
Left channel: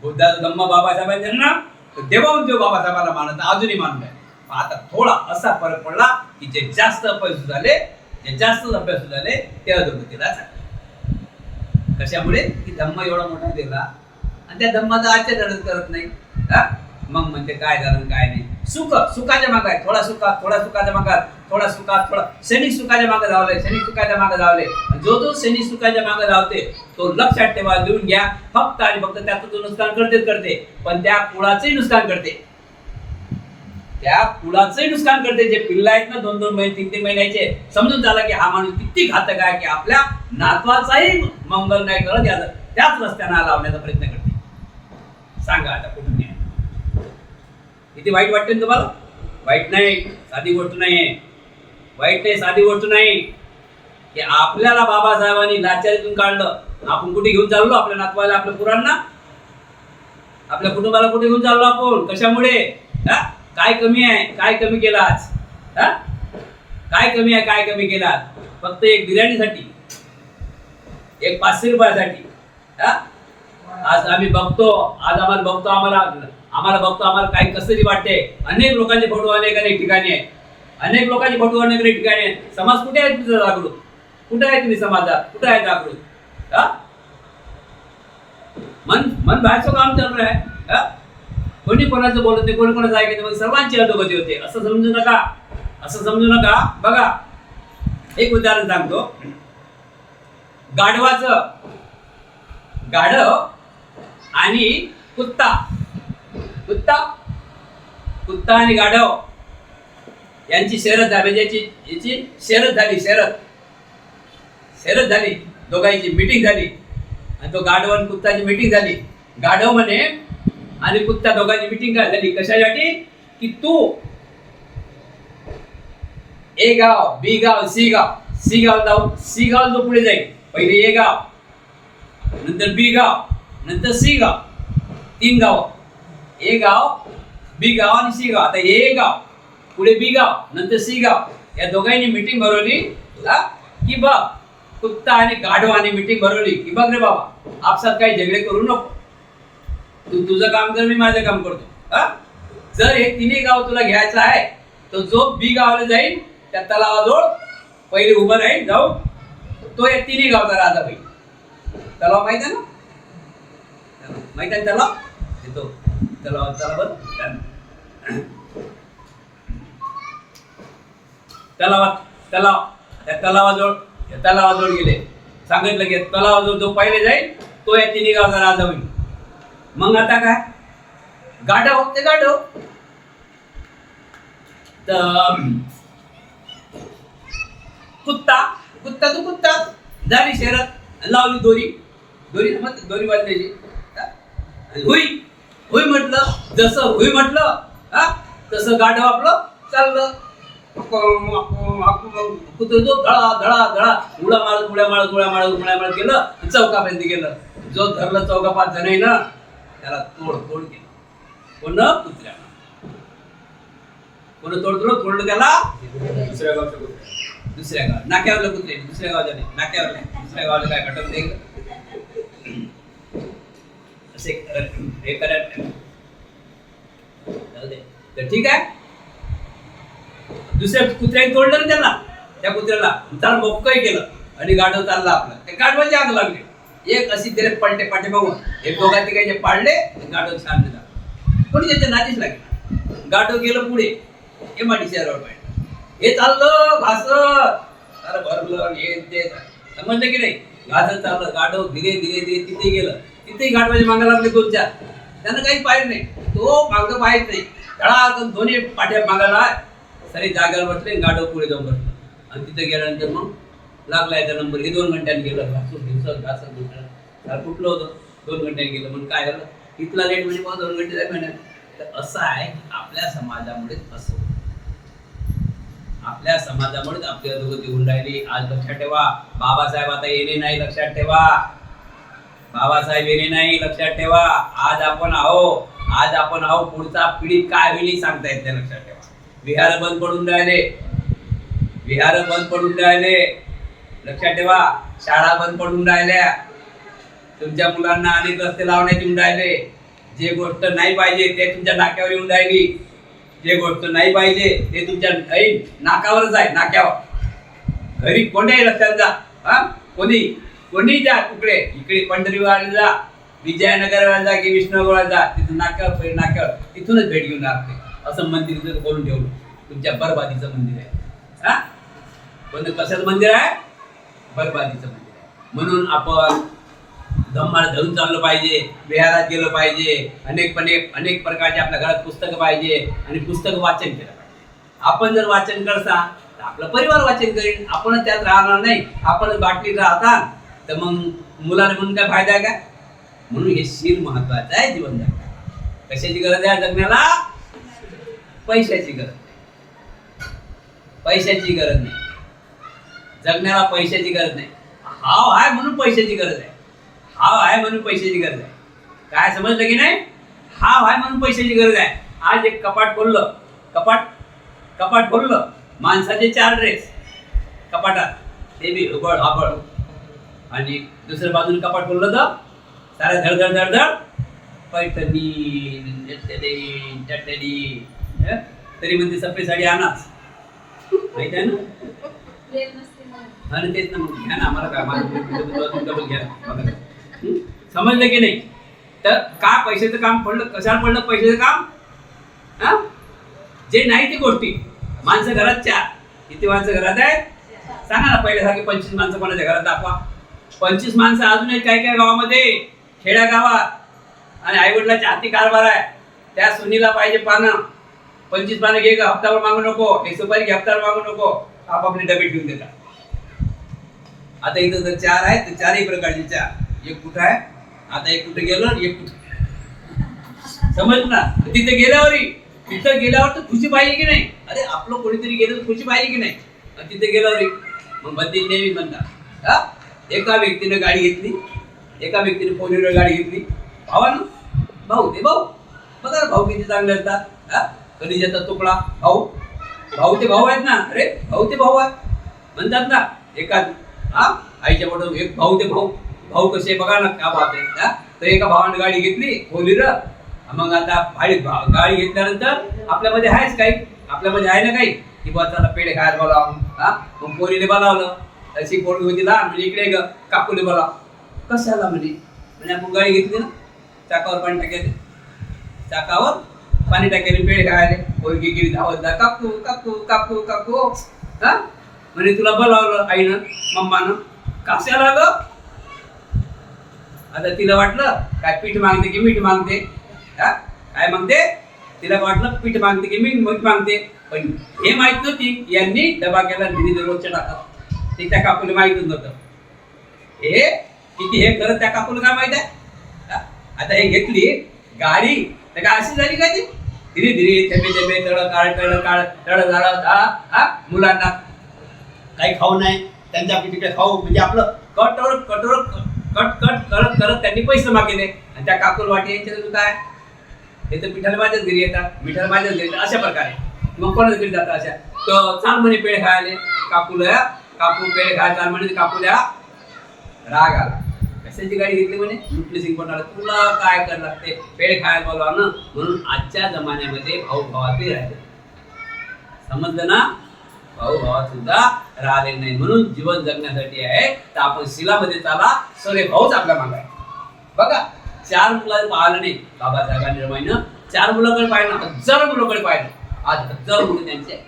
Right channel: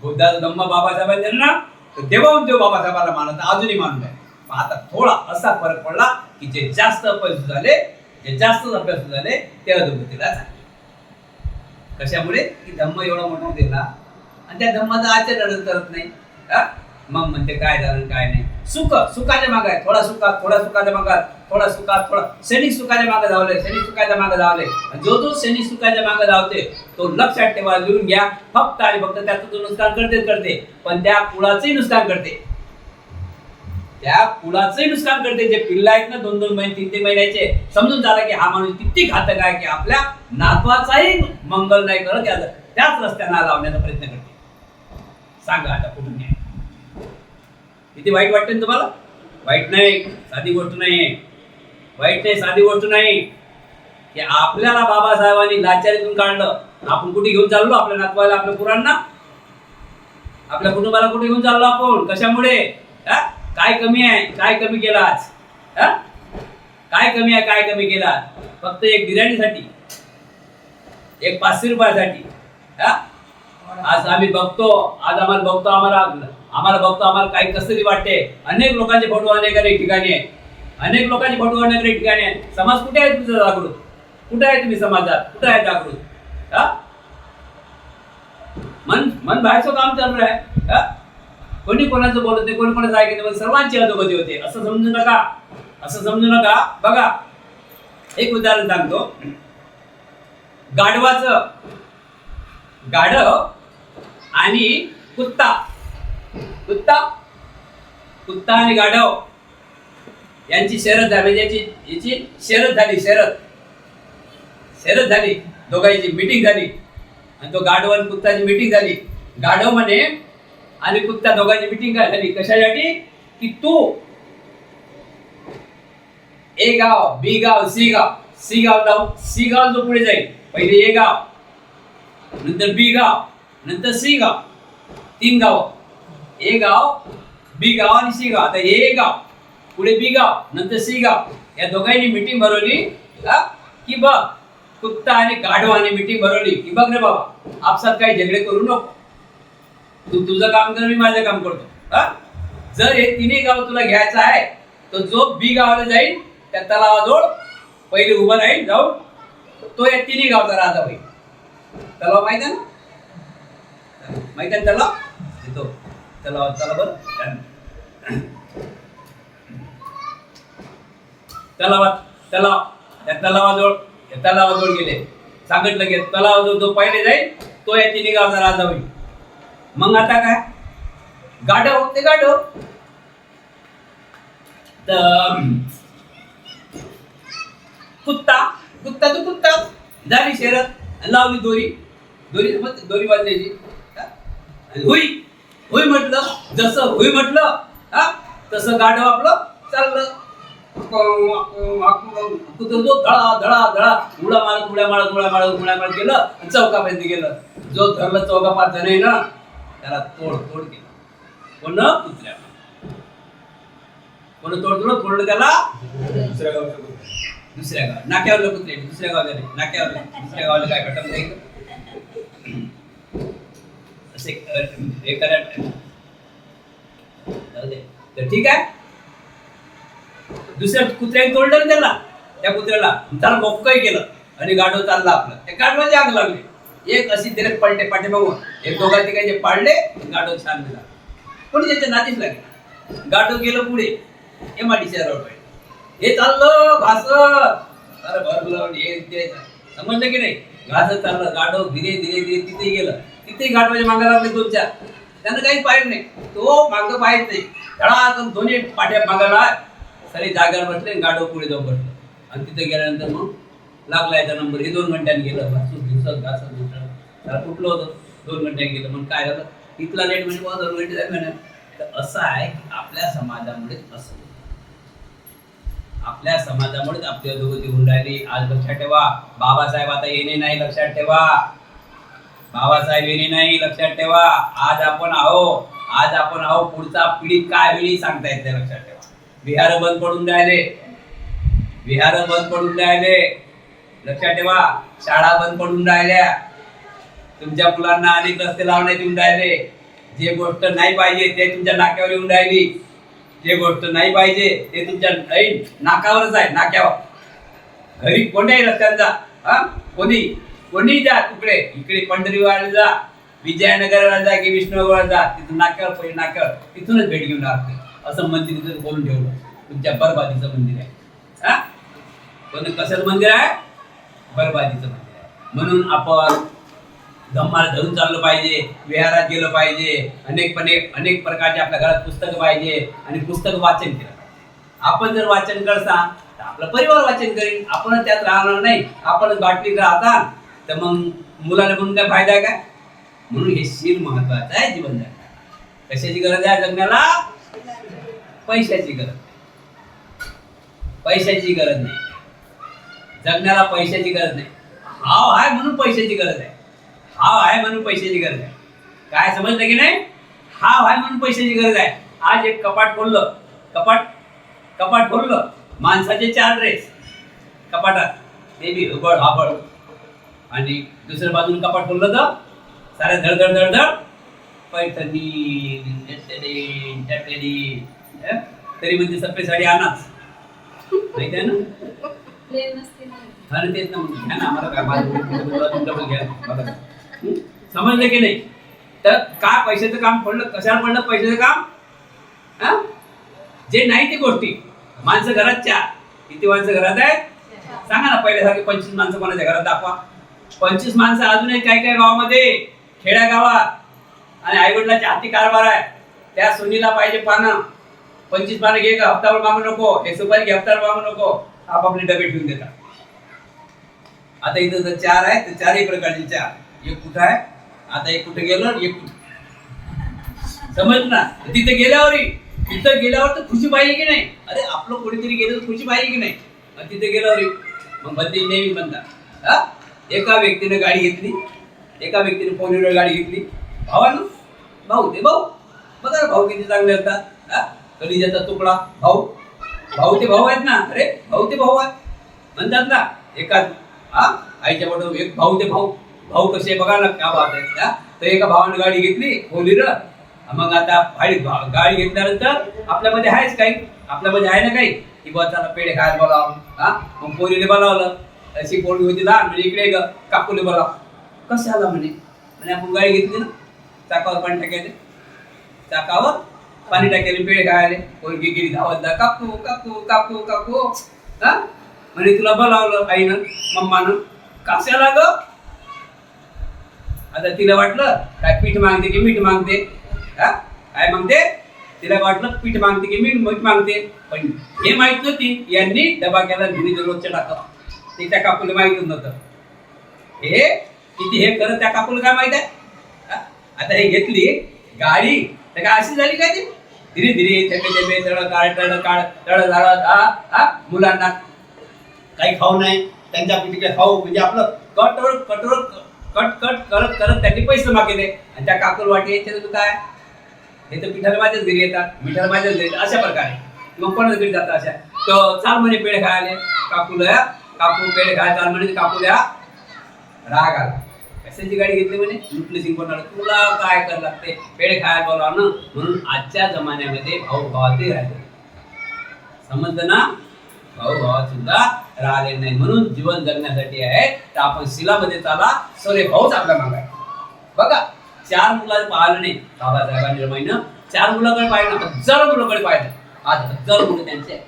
बुद्धाचा धम्म बाबासाहेबांचे ना, तर देवाउदेव बाबासाहेबांना मानत, अजूनही मानत आहे. आता थोडा असा फरक पडला की जे जास्त अभ्यास झाले, ते अधोगतीला चालले. कशामुळे? की धम्म एवढा मोठा दिला आणि त्या धम्माचा आचरण करत नाही. मग म्हणते काय झालं काय नाही. सुखाच्या मागे आहे, थोडा सुखाच्या मागे, क्षणिक सुखाच्या मागे धावले. जो क्षणिक सुखाच्या मागे धावते तो लक्षात ठेवा, लिहून घ्या. फक्त आणि फक्त त्याचं तो नुकसान करते, पण त्या कुळाचंही नुकसान करते. त्या कुळाचंही नुकसान करते. जे पिल्ला आहेत ना 2-2 महिने 3-3 महिन्याचे, समजून झाला की हा माणूस किती घातक आहे, की आपल्या नातवाचाही मंगल नाही करत, याचा त्याच रस्त्याला लावण्याचा प्रयत्न करते. सांगा आता कुठून न्याय? किती वाईट वाटते ना तुम्हाला? वाईट नाही, साधी गोष्ट नाही, वाईट नाही, साधी गोष्ट नाही. की आपल्याला बाबासाहेबांनी लाचारीतून काढलं, आपण कुठे घेऊन चाललो? आपल्या नातवाला, आपल्या पुरांना, आपल्या कुटुंबाला कुठे घेऊन चाललो आपण? कशामुळे? काय कमी आहे? काय कमी केलं आज? काय कमी आहे? काय कमी केलं आज? फक्त एक बिर्याणीसाठी, एक 500 रुपयासाठी. आज आम्ही बघतो, आम्हाला काही कसरी वाटते. अनेक लोकांचे फोटो अनेक ठिकाणी आहेत, अनेक लोकांचे फोटो अनेक ठिकाणी आहेत. समाज कुठे आहे तुमचा जागृत? कुठे आहे तुम्ही समाजात? कुठे आहे जागृत? मन बाहेरचं काम चालू आहे. कोणी कोणाचं बोलत नाही, कोणी कोणाचं ऐकत नाही, सर्वांची अधोगती होते. असं समजू नका, असं समजू नका. बघा, एक उदाहरण सांगतो. गाढव आणि कुत्ता आणि गाढव यांची शर्यत झाली. म्हणजे याची शर्यत झाली, दोघांची मीटिंग झाली. आणि तो गाढव आणि कुत्ताची मीटिंग झाली. गाढव म्हणे आणि कुत्ता दोघांची मीटिंग झाली. कशासाठी? की तू ए गाव, बी गाव, सी गाव जाऊन, सी गाव जो पुढे जाईल, पहिले ए गाव, नंतर बी गाव, नंतर सी गाव, 3 गाव. ए गाव, बी गाव आणि सी गाव. आता ए गाव, पुढे बी गाव, नंतर सी गाव, या दोघांनी मीटिंग भरवली. की बघ, कुत्ता आणि गाढवाने मीटिंग भरवली की बघ रे बाबा, आपसात काही झगडे करू नको. तू तुझं काम कर, मी माझं काम करतो. जर हे 3 गाव तुला घ्यायचं आहे, तर जो बी गावाला जाईल त्या तलावाजवळ पहिले उभं राहील, जाऊ तो या 3 गावचा राजा होईल. तलाव माहित आहे ना? माहित आहे तलाव? येतो तलाव, चला बरं. त्या तलावाजवळ गेले. सांगितलं की तलावाजवळ जो पहिले जाईल तो या 3 गावचा राजा होईल. मग आता काय? गाढव ते गाढव, कुत्ता तो कुत्ता. झाली शर्यत, लावली दोरी बांधायची. हुई म्हटलं, जसं हुई म्हटलं तसं गाढव आपलं चाललं. कुत्र जो धडा उड्या मारत गेलं, चौकापर्यंत गेलं. जो धरलं चौका 5 जण आहे ना, त्याला तोड केलं. कोण? कुत्र्यानं. कोण तोडलं त्याला? दुसऱ्या गाव, नाक्यावरलं कुत्रे, दुसऱ्या गावच्या नाही, नाक्यावरलं. दुसऱ्या गावाला काय घटम द्यायचं असे हे करायला. तर ठीक आहे, दुसऱ्या कुत्र्याने तोडलं ना त्याला, त्या कुत्र्याला मोक्कही केलं आणि गाढव चालला आपला. त्या गाढवाची आग लागली. एक अशी त्याला पलटे पाटे बघून एक दोघा तिघांचे पाडले, गाढव शांत झाला. कोणी त्याच्या नातीच लागेल. गाढव गेलं पुढे एमआयडी शहरावर पाहिजे. हे चाललं घासत, अरे भरलं हे ते, समजलं की नाही? घासत चाललं गाढव धीरे तिथे गेलं. तिथेही गाढवाच्या मागा लागले 2-4. त्यानं काही पाहिलं नाही, तो मागं पाहित नाही. धडा दोन्ही पाठ्या मागाला सरी जागेवर बसले. गाढव पुढे जाऊन बसलं आणि तिथे गेल्यानंतर मग लागला याचा नंबर. हे 2 घंट्याने गेलं, घासत त्याला कुठलं होतं. 2 घंट्याने गेलं. मग काय झालं? इथला लेट म्हणजे 2 घंटे जाईल. तर असं आहे की आपल्या समाजामुळे असं, आपल्या समाजामुळेच आपली अधोगती होऊन राहिली. आज लक्षात ठेवा, बाबासाहेब आता येणे नाही, लक्षात ठेवा. बाबासाहेब येणे नाही, लक्षात ठेवा. आज आपण आहो, पुढचा पिढी काय होईल सांगता येत नाही, लक्षात ठेवा. विहार बंद पडून राहिले, लक्षात ठेवा. शाळा बंद पडून राहिल्या. तुमच्या मुलांना अनेक रस्ते लावण्यात येऊन राहिले. जे गोष्ट नाही पाहिजे ते तुमच्या नाक्यावर येऊन राहिली. जे गोष्ट नाही पाहिजे ते तुमच्या नाकावरच आहे, नाक्यावर. घरी कोणत्याही रस्त्याला जा, कोणी जा, इकडे पंढरीवाला जा, विजयनगरला जा की विष्णुनगरला जा, तिथून नाक्यावर तिथूनच भेट घेऊन राहते. असं मंदिर जर बोलून ठेवलं, तुमच्या बरबादीचं मंदिर आहे. पण कशाचं मंदिर आहे? बरबादीचं मंदिर आहे. म्हणून आपण धम्माला धरून चाललं पाहिजे, विहारात गेलं पाहिजे, अनेक प्रकारचे आपल्या घरात पुस्तकं पाहिजे आणि पुस्तक वाचन केलं पाहिजे. आपण जर वाचन करता तर आपला परिवार वाचन करेल, आपणच त्यात राहणार नाही, आपणच बाटलीत राहता तर मग मुलाला म्हणून काय फायदा आहे काय? म्हणून हे शील महत्वाचं आहे जीवन जगण्याला. कशाची गरज आहे जगण्याला? पैशाची गरज नाही, पैशाची गरज नाही जगण्याला, पैशाची गरज नाही. हाव आहे म्हणून पैशाची गरज आहे, हाव आहे म्हणून पैशाची गरज आहे. काय समजलं की नाही? हाव आहे म्हणून पैशाची गरज आहे. आज एक कपाट खोललं, कपाट खोललं, माणसाचे 4 ड्रेस कपाटात, ते बी उबड आबड, आणि दुसऱ्या बाजून कपाट खोललं तर साऱ्या धड पैठणी चटणी, तरी म्हणते सफेद साडी आणाच, माहित आहे ना? आणि तेच ना, मग घ्या ना, आम्हाला काय, माझं डबल घ्या मला काय. समजलं की नाही? तर का पैशाचं काम पडलं, कशाला पडलं पैशाचं काम? हा, जे नाही ती गोष्टी. माणसं घरात 4, किती माणसं घरात आहेत सांगा ना? पहिल्यासारखे 25 माणसं कोणाच्या घरात दाखवा. 25 माणसं अजूनही काही गावामध्ये, खेड्या गावात, आणि आईवडिलाच्या हाती कारभार आहे. त्या सुनीला पाहिजे पानं, 25 पानं घे का, हप्तावर मागू नको, हे सुपारी घे हप्त्यावर मागू नको, आपापले डबे ठेवून देतात. आता इथं जर 4 आहेत तर 4ही प्रकारचे 4. एक कुठं आहे, आता एक कुठे गेलो, एक कुठे, समज ना? तिथं गेल्यावर तर खुशी पाहिजे की नाही? अरे आपलं कोणीतरी गेलं तर खुशी पाहिजे की नाही? तिथे गेल्यावर मग बंदी नेहमीच म्हणतात, हा, एका व्यक्तीने गाडी घेतली, एका व्यक्तीने 4 व्हीलर गाडी घेतली, भावानं भाऊ ते भाऊ, बघा ना भाऊ किती चांगले असतात. हा, कधी जातात तुकडा भाऊ ते भाऊ आहेत ना, अरे भाऊ ते भाऊ आहेत म्हणतात ना. एका आईच्या मोठं एक भाऊ ते भाऊ कसे बघा ना, क्या बात आहे. तर एका भावाने गाडी घेतली 4 व्हीलर. मग आता गाडी घेतल्यानंतर आपल्यामध्ये आहेच काही, आपल्यामध्ये आहे ना काही, की बा त्याला पेढे खायला बोलावं. हा, मग पोरीने बोलावलं, अशी पोरगी होती लहान, म्हणजे इकडे काकूले बोलाव. कशाला म्हणे आपण गाडी घेतली ना, चाकावर पाणी टाकायले, चाकावर पाणी टाकायले, पेढे खायले. पोरगी गिरी धावत जा, काकू काकू काकू काकू. हा, म्हणे तुला बोलावलं आईनं मम्मानं, कशाला ग? आता तिला वाटलं काय पीठ मागते की मीठ मागते, हा, काय मागते? तिला वाटलं पीठ मागते की मीठ मागते. पण हे माहित नव्हती, यांनी डबा केला धुनी रोजच्या टाकत, ते त्या काकूला माहितच नव्हतं. हे किती हे करत त्या काकूला काय माहित आहे? आता हे घेतली गाडी तर काय अशी झाली काय? ती धीरे थेंबे तळ झालं. मुलांना काही खाऊ नाही, त्यांच्या तिकडे खाऊ म्हणजे आपलं कट करत त्यांनी पैसे मागितले, आणि त्या काकूला वाटे तू काय, हे तर पिठाला माझ्याच घरी येतात, मिठाला माझ्याच घरी येतात, अशा प्रकारे. मग कोणाच्या घरी जातात अशा, तर चाल म्हणे पेढे खायले, काकू पेढे खायला चाल म्हणे. काकूला राग आला, कशाची गाडी घेतली म्हणे, लुटली सिंग कोणाला, तुला काय करायला लागते, पेढे खायला बोलाव ना. म्हणून आजच्या जमान्यामध्ये भाऊ भावातही राहिले, समजलं ना? भाऊ भावात सुद्धा राहिले नाही. म्हणून जीवन जगण्यासाठी आहे तर आपण शिलामध्ये चाला, सरे भाऊच आपल्या मागाय. बघा 4 मुलं पाहिलं नाही, बाबासाहेबांनी रमाईनं 4 मुलाकडे पाहिलं, 1000 मुलाकडे पाहिलं. आज 1000 मुलं त्यांचे,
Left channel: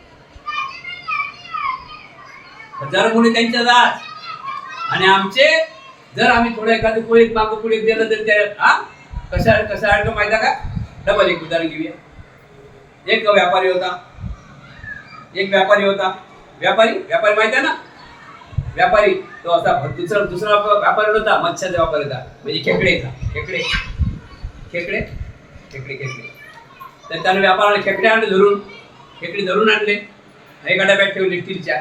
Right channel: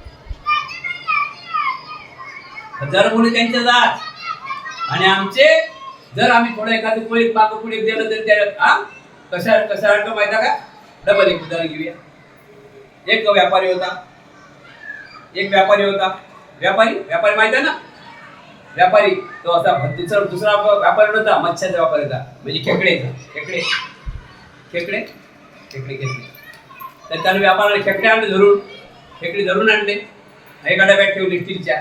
1000 मुले त्यांच्या जात. आणि आमचे जर आम्ही थोडं एखादं कोळी मागं पुढे दिलं तर त्या कशा माहिती का? डबल एक उदाहरण घेऊया. एक व्यापारी होता, व्यापारी माहित आहे ना? व्यापारी तो असा दुसरा व्यापारी होता, मच्छ्याचा व्यापारी होता, म्हणजे खेकडे. तर त्याने व्यापाराने खेकडे आणले, खेकडे धरून आणले, एका डब्यात ठेवले स्टीलच्या.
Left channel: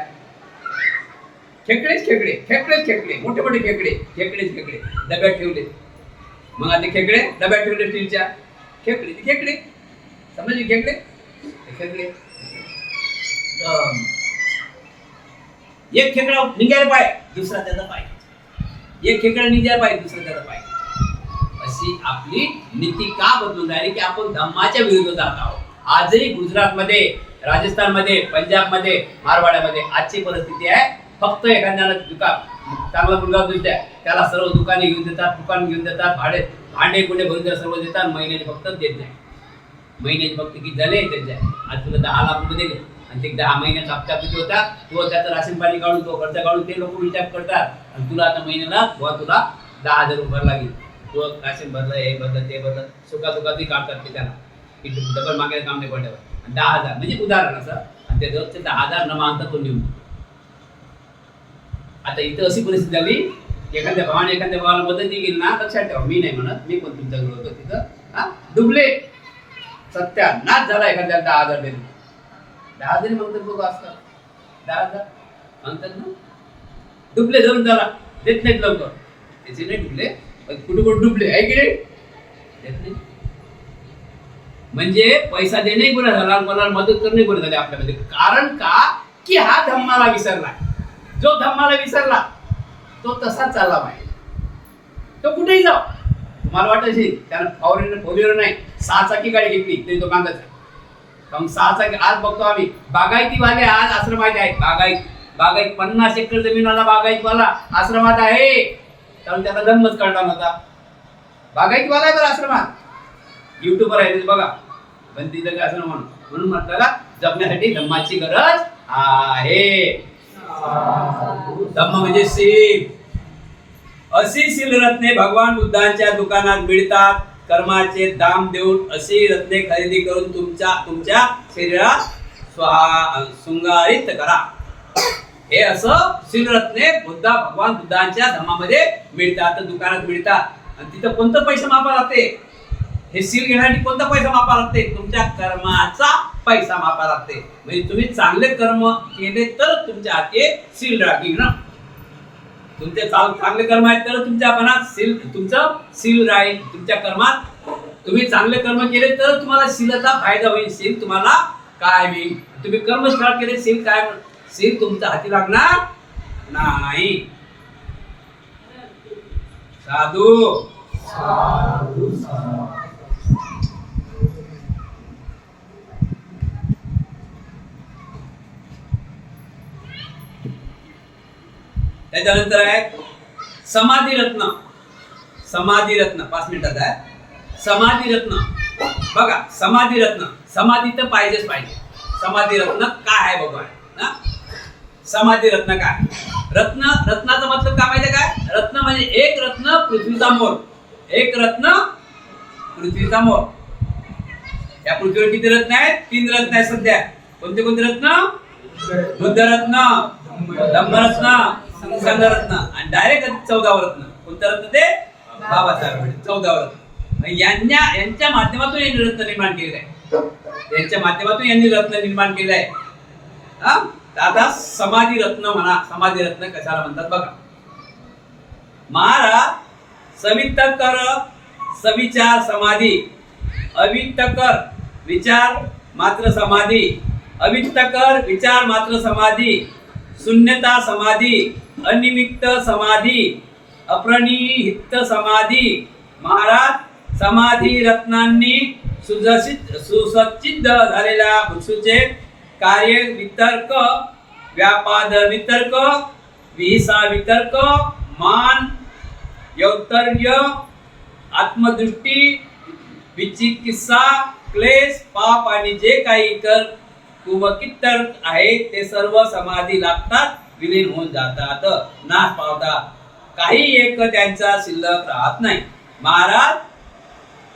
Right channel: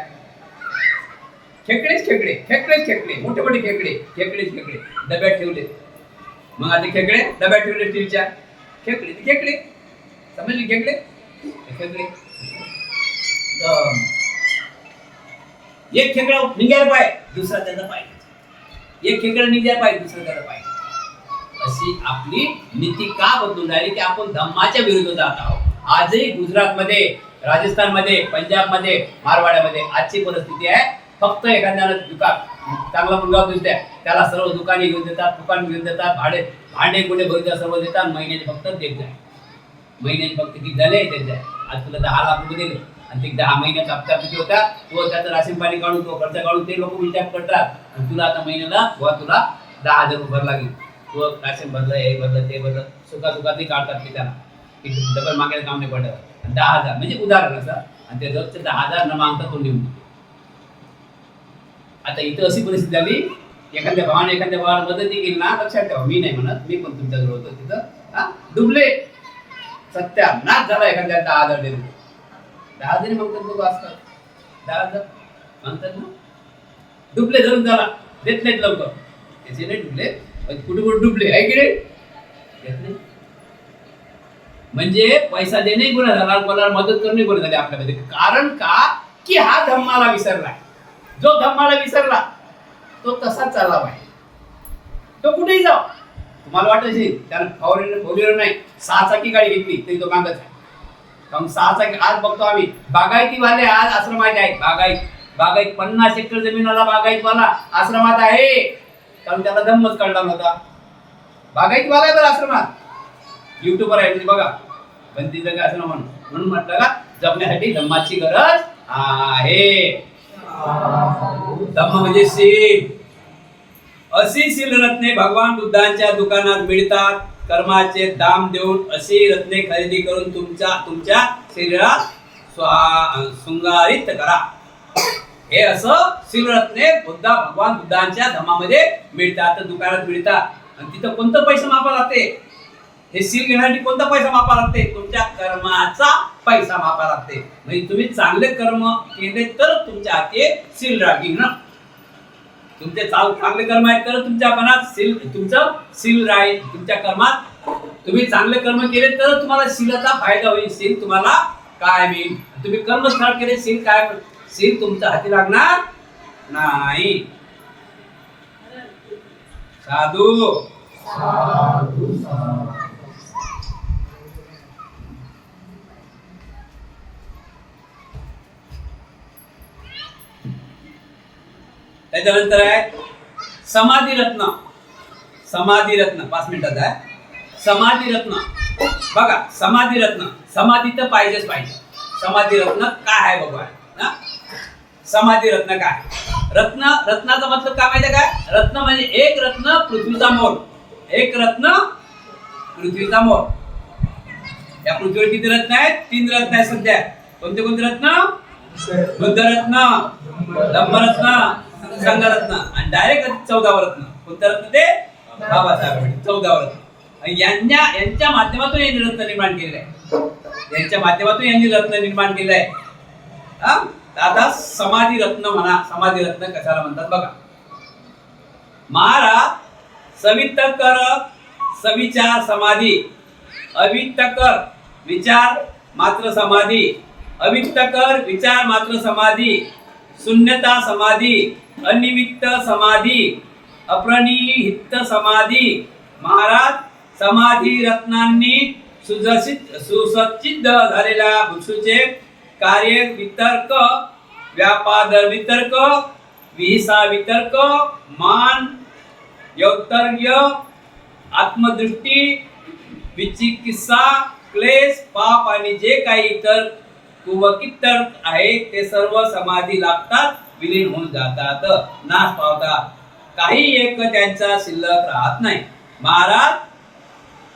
खेकडे मोठे खेकडे डब्यात ठेवले. मग आता खेकडे डब्यात ठेवले स्टीलच्या, खेकडे समजले, खेकडे एक खेकडा निघायला पाहिजे, दुसरा त्याचा पाहिजे. एक खेकडा निघायला पाहिजे, दुसरा त्याचा पाहिजे. अशी आपली नीती का बदलून राहिली की आपण धम्माच्या विरुद्ध जात आहोत. आजही गुजरातमध्ये, राजस्थानमध्ये, पंजाबमध्ये, मारवाड्यामध्ये आजची परिस्थिती आहे. फक्त एखाद्याला चांगला मुलगा दिसतोय त्याला सर्व दुकान घेऊन देतात, भांडे कुठे भरून सर्व देतात. महिन्याचे फक्त देत नाही. महिन्याचे फक्त किती झाले त्याचे, आज तुला 10 लाख रुपये दिले आणि ते 10 महिन्याचा हप्ता किती होता, तो त्याचं राशन पाणी काढून, तो खर्च काढून ते लोक विचार करतात. आणि तुला आता महिन्याला तुला 10,000 रुपये लागली. तू राशन भरलं, हे भरलं, ते भरलं, सुखासुखातही काढतात ते त्याला की डबल मागायला काम नाही पडल्यावर. 10,000 म्हणजे उदाहरण असं. आणि ते रोजचे 10,000 न मागता तो निवडून. आता इथं अशी परिस्थिती झाली, एखाद्या भावाला मदत केली ना, लक्षात ठेवा, मी नाही म्हणत, मी पण तुमच्याजवळ होतो तिथं, हा डुबले, सत्यानाश झाला. एखाद्या 10,000 दिले, 10,000 मागतात लोक असतात, 10,000 मागतात ना, डुबले धरून झाला, देत नाहीत लवकर. त्याचे नाही डुबले, कुठे कुठे डुबले आहे की नाही, देत नाही. म्हणजे पैसा देणे गुन्हा झाला, कोणाला मदत करणे गुन्हा झाले आपल्यामध्ये. कारण का की हा धम्माला विसरला. जो धम्माला विसरला तो तसाच चालला पाहिजे. तो कुठेही जाऊ, तुम्हाला वाटत असेल त्यानं फोर नाही 6 चाकी गाडी घेतली तरी तो मागत आहे. कारण 6 चाकी आज बघतो आम्ही बागायतीवाले आज आश्रमात आहेत. बागायत 50 एकर जमीनवाला बागायतवाला आश्रमात आहे. कारण त्याला धम्मच कळला नव्हता. बागायतीवाला आहे बरं आश्रमात, युट्यूबवर आहे बघा, पण तिथं काय असं म्हणून म्हटलं का जपण्यासाठी धम्माची गरज आहे. धम्म म्हणजे सील. अशी सील रत्ने भगवान बुद्धांच्या दुकानात मिळतात. कर्माचे दाम देऊन अशी रत्ने खरेदी करून तुमच्या शरीरात शृंगारित करा. हे असं सील रत्ने भगवान बुद्धांच्या धम्मामध्ये मिळतात, दुकानात मिळतात. आणि तिथं कोणतं पैसा मापा लागते, हे सील घेण्यासाठी कोणता पैसा मापा लागते, तुमच्या कर्माचा पैसा मापा लागते. म्हणजे तुम्ही चांगले कर्म केले तर तुमच्या हाती सील राहील ना. तुमचे चांगले कर्म आहेत तर तुमच्या मनात तुमचं सील राहील. तुमच्या कर्मात तुम्ही चांगले कर्म केले तर तुम्हाला सीलचा फायदा होईल. सील तुम्हाला काय मिळेल. तुम्ही कर्म स्टार्ट केले, सील काय, सील तुमच्या हाती लागणार नाही. साधू त्याच्यानंतर आहे समाधी रत्न. समाधी रत्न 5 मिनिटात आहे. समाधी रत्न बघा, समाधी रत्न, समाधी तर पाहिजेच पाहिजे. समाधी रत्न काय आहे बघा ना. समाधी रत्न काय, रत्नाचा मतलब काय माहिती काय, रत्न म्हणजे एक रत्न पृथ्वीचा मोल. एक रत्न पृथ्वीचा मोल. या पृथ्वीवर किती रत्न आहेत, 3 रत्न आहेत सध्या. कोणते कोणते रत्न, बुद्ध रत्न, धम्मरत्न, संघरत्न आणि डायरेक्ट 14व रत्न. कोणतं रत्न ते, बाबासाहेब 14व रत्न. यांच्या माध्यमातून यांनी रत्न निर्माण केलेलं आहे. यांच्या माध्यमातून यांनी रत्न निर्माण केलं आहे. आता समाधी रत्न म्हणा. समाधी रत्न कशाला म्हणतात बघा. महाराज सवितकर सविचार समाधी, अवितकर विचार मात्र समाधी, अवितकर विचार मात्र समाधी, शून्यता समाधी, अनिमित्त समाधी, अप्रणिहित समाधी. महाराज समाधी रत्नांनी सुसज्जित झालेल्या भिक्षूचे कार्य वितर्क, व्यापादर वितर्क, विहिसा वितर्क, मान, यौतर्य, आत्मदृष्टी, विचिकित्सा, क्लेश, पाप आणि जे काही इतर कुवकित्तर आहे ते सर्व समाधी लागतात, विलीन होऊन जातात, नाश पावतात. काही एक त्यांचा शिल्लक राहत नाही. महाराज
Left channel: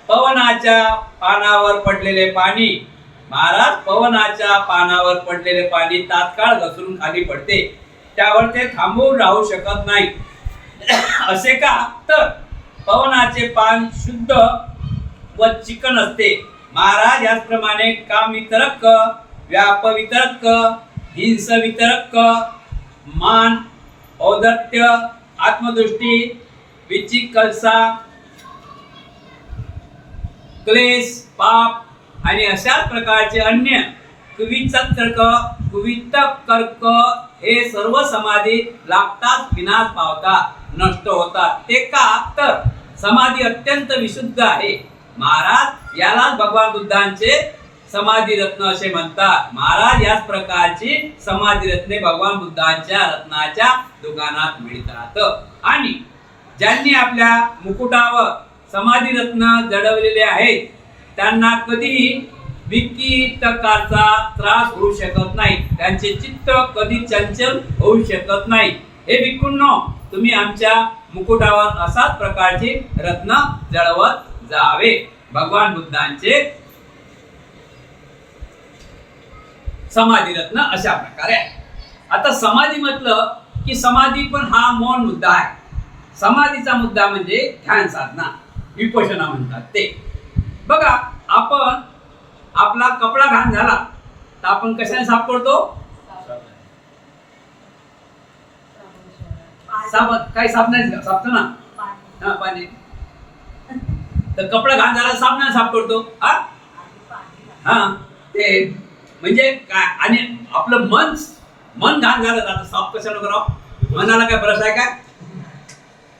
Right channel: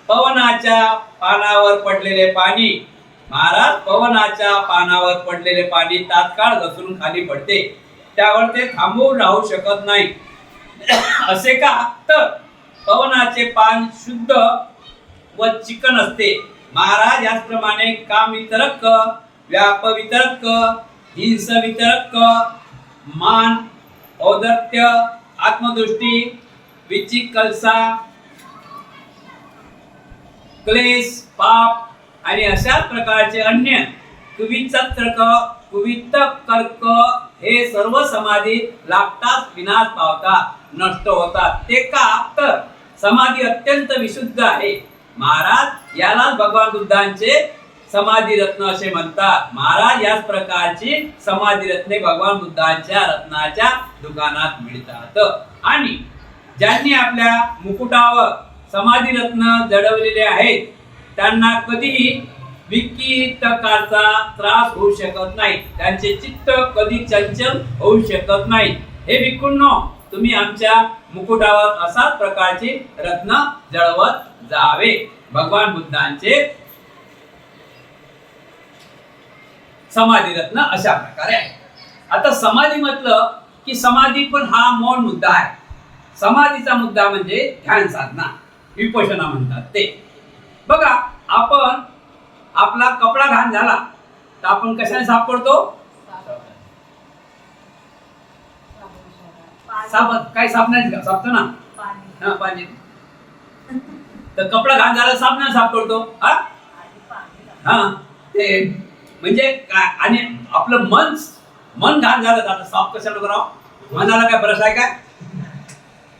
पवनाच्या पानावर पडलेले पाणी, महाराज पवनाच्या पानावर पडलेले पाणी तात्काळ घसरून खाली पडते, त्यावर ते थांबून राहू शकत नाही. असे का, तर पवनाचे पान शुद्ध व चिकन असते. महाराज याचप्रमाणे काम वितरक, व्याप वितरक, हिंस वितरक, मान, औदत्य, आत्मदृष्टी, विचिकित्सा, क्लेश, पाप आणि अशाच प्रकारचे अन्य कुवितर्क हे सर्व समाधी लागतात, विनाश पावतात, नष्ट होतात. ते का, तर समाधी अत्यंत विशुद्ध आहे. महाराज यालाच भगवान बुद्धांचे समाधी रत्न असे म्हणतात. महाराज याच प्रकारची समाधी रत्ने भगवान बुद्धांच्या रत्नाच्या दुकानात मिळतात. आणि ज्यांनी आपल्या मुकुटावर समाधी रत्न जडवलेले आहेत त्यांना कधीही विकितकाचा त्रास होऊ शकत नाही. त्यांचे चित्त कधी चंचल होऊ शकत नाही. हे भिक्खूंनो, तुम्ही आमच्या मुकुटावर असाच प्रकारचे रत्न जळवत जावे. भगवान बुद्धांचे समाधी रत्न अशा प्रकारे आहे. आता समाधी म्हटलं की समाधी पण हा मौन मुद्दा आहे. समाधीचा मुद्दा म्हणजे ध्यान साधना, विपश्यना म्हणतात ते. बघा, आपण आपला कपडा घाण झाला तर आपण कशाने साफ करतो? काही साबणाने सापतो ना, हा, पाणी. तर कपडा घाण झाला साबणाने साफ करतो. हा ते म्हणजे काय? आणि आपलं मन घाण झालं तर आता साफ कशाला करावं? मनाला काय ब्रश आहे काय?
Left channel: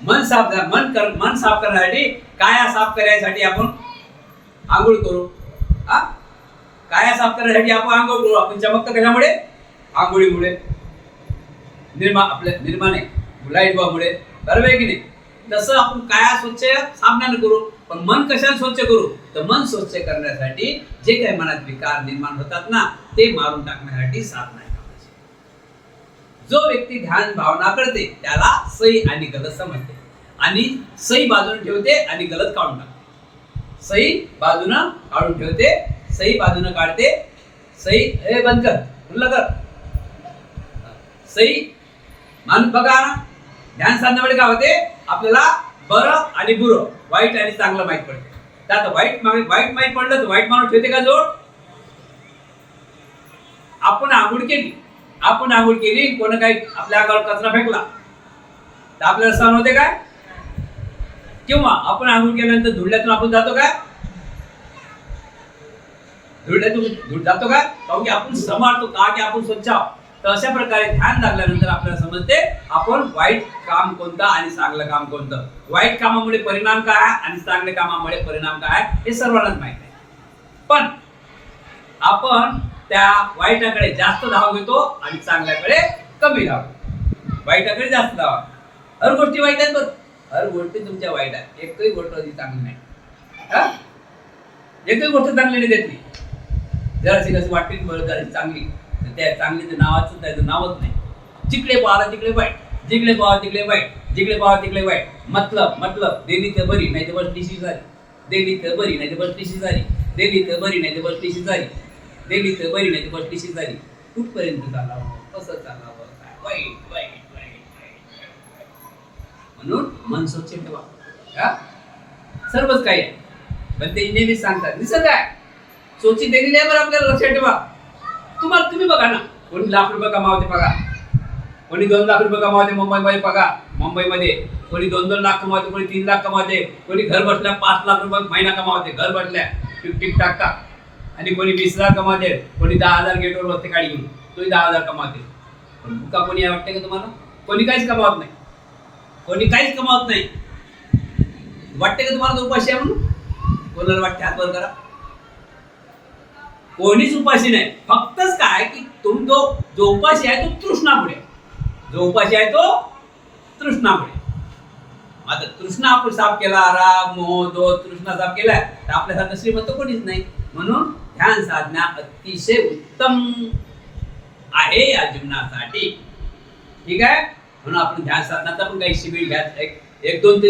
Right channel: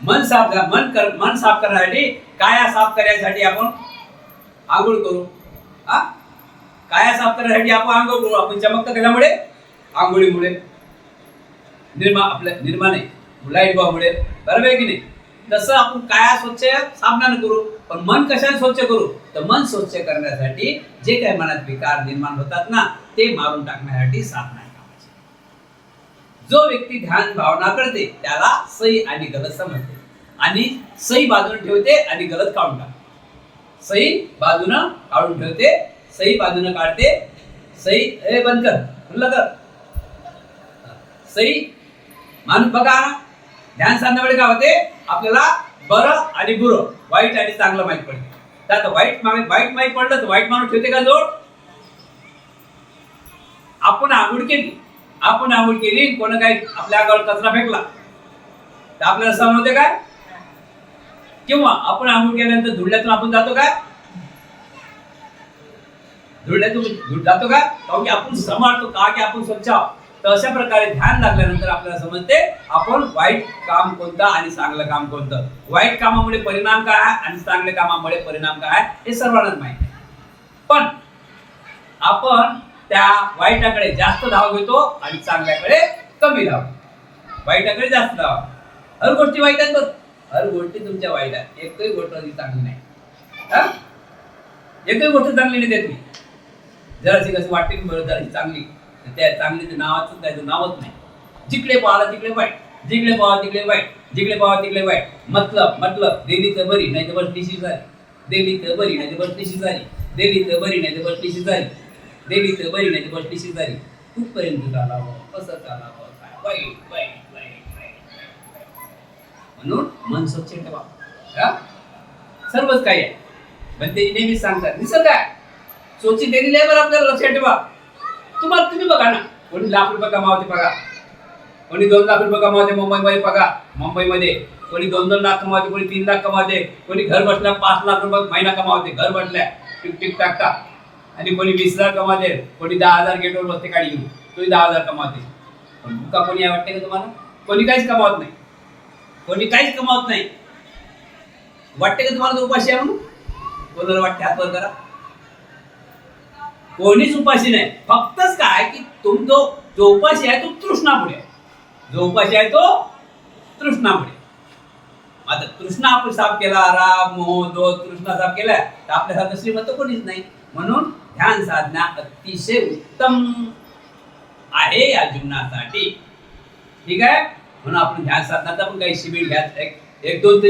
मन साफ करण्यासाठी, काया साफ करण्यासाठी आपण आंघोळ करू. काया साफ करण्यासाठी आपण आंघोळ करू. आपण चमकतं कशामुळे? आंघोळीमुळे. निर्मा नाही, लाईट बॉम्बमुळे. बरोबर आहे की नाही? तसं आपण काया स्वच्छ साबणाने करू, पण मन कशाने स्वच्छ करू? तर मन स्वच्छ करण्यासाठी जे काही मनात विकार निर्माण होतात ना, ते मारून टाकण्यासाठी साधना आहे कामाची. जो व्यक्ती ध्यान भावना करते त्याला सही आणि गलत समजते, आणि सही बाजूने ठेवते आणि गलत काढून टाकते. सही बाजूनं काढून ठेवते, सही बाजूनं काढते. सही हे बंद कर, म्हणलं कर. सही माणूस बघा ना, ध्यान साधण्यामुळे काय होते? आपल्याला बरं आणि बुरं, वाईट आणि चांगलं माहीत पडते. तर आता वाईट माहीत पडलं तर वाईट माणूस ठेवते का जोड? आपण आंघोळ केली, कोण काही आपल्या अंगावर कचरा फेकला तर आपल्याला सहन होते काय? किंवा आपण आंघोळ केल्यानंतर धुळल्यातून आपण जातो काय? धुळल्यातून जातो काय? कारण की आपण समारतो का, की आपण स्वच्छ आहोत. तर अशा प्रकारे ध्यान लागल्यानंतर आपल्याला समजते आपण वाईट काम कोणतं आणि चांगलं काम कोणतं. वाईट कामामुळे परिणाम काय आहे आणि चांगल्या कामामुळे परिणाम काय आहे हे सर्वांनाच माहित आहे. पण आपण त्या वाईटाकडे जास्त धाव घेतो आणि चांगल्याकडे कमी धाव. वाईटाकडे जास्त धाव. हर गोष्टी वाईट आहेत, बरं, हर गोष्टी तुमच्या वाईट आहेत. एकही गोष्ट चांगली नाही. एकही गोष्ट चांगली नाही देतली. जराशी कशी वाटते की बरं जराशी चांगली, त्या चांगलीचं नावाचं त्याचं नावच नाही. जिकडे पाहिला तिकडे वाईट, जिकडे पाहावं तिकडे वाईट, जिकडे पाहावं तिकडे वाईट. मतलब दिली तर बरी नाही तर बसलीशी झाली, दिली तर बरी नाही तर बसलीशी झाली, दिली तर बरी नाही तर बसलीशी झाली, दिली तर बरी नाही तर बसलीशी झाली. कुठपर्यंत चालावं, कसं चालावं, काय वाईट वाईट वाईट वाईट. म्हणून मन स्वच्छ ठेवा. सर्वच काही आहे, पण ते नेहमीच सांगतात निसर्ग आहे, सोची दिलेली आहे. बरं, आपल्याला लक्षात ठेवा. तुम्ही बघा ना, कोणी लाख रुपये कमावते बघा, कोणी 2 लाख रुपये कमावते मुंबईमध्ये बघा. मुंबईमध्ये कोणी 2-2 लाख कमावते, कोणी 3 लाख कमावते, कोणी घर बसल्या 5 लाख रुपये महिना कमावते, घर बसल्या टिक टाकता. आणि कोणी 20,000 कमावते, कोणी 10,000 गेटवर बसते गाडी घेऊन, तोही 10,000 कमावते. पण मुका कोणी आहे वाटते का तुम्हाला? कोणी काहीच कमावत नाही, कोणी काहीच कमावत नाही. वाटते का तुम्हाला तो उपाशी आहे म्हणून? कोणाला वाटते? हात वर करा. कोणीच उपाशी नाही. फक्तच काय की जो उपाशी आहे तो तृष्णामुळे, जो उपाशी आहे तो तृष्णामुळे. आता तृष्णा आपण साफ केला, राग मोह दोष तृष्णा साफ केला तर आपल्यासारखं श्रीमंत कोणीच नाही. म्हणून ध्यान साधना अतिशय उत्तम आहे या जीवनासाठी. ठीक आहे, म्हणून आपण ध्यान साधनाचा पण काही शिबिर घ्या. एक दोन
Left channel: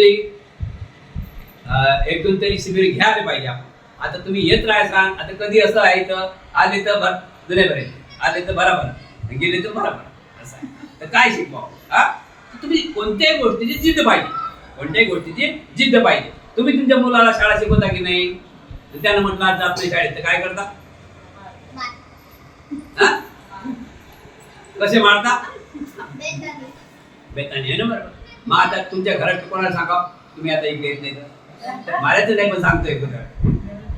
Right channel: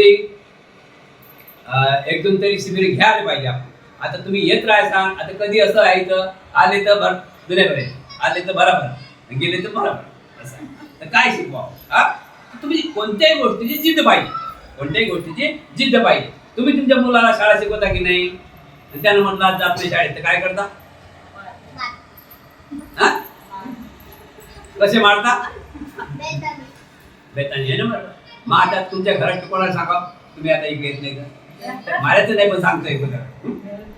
तरी शिबिर घ्यायला पाहिजे आपण. आता तुम्ही येत राहायचा, आता कधी असं आहे इथं आले तर जुने बरे, आले तर बरोबर, गेले तर बरोबर, असं आहे. तर काय शिकवावं? तुम्ही कोणत्याही गोष्टीची जिद्द पाहिजे, कोणत्याही गोष्टीची जिद्द पाहिजे. तुम्ही तुमच्या मुलाला शाळा शिकवता की नाही? त्यानं म्हटलं आज जात नाही शाळेत, तर काय करता? कसे मारता? बेतानी आहे ना, बरोबर. मग आता तुमच्या घरात कोणाला सांगा तुम्ही आता इकडे येत नाही तर मारायचं नाही, पण सांगतोय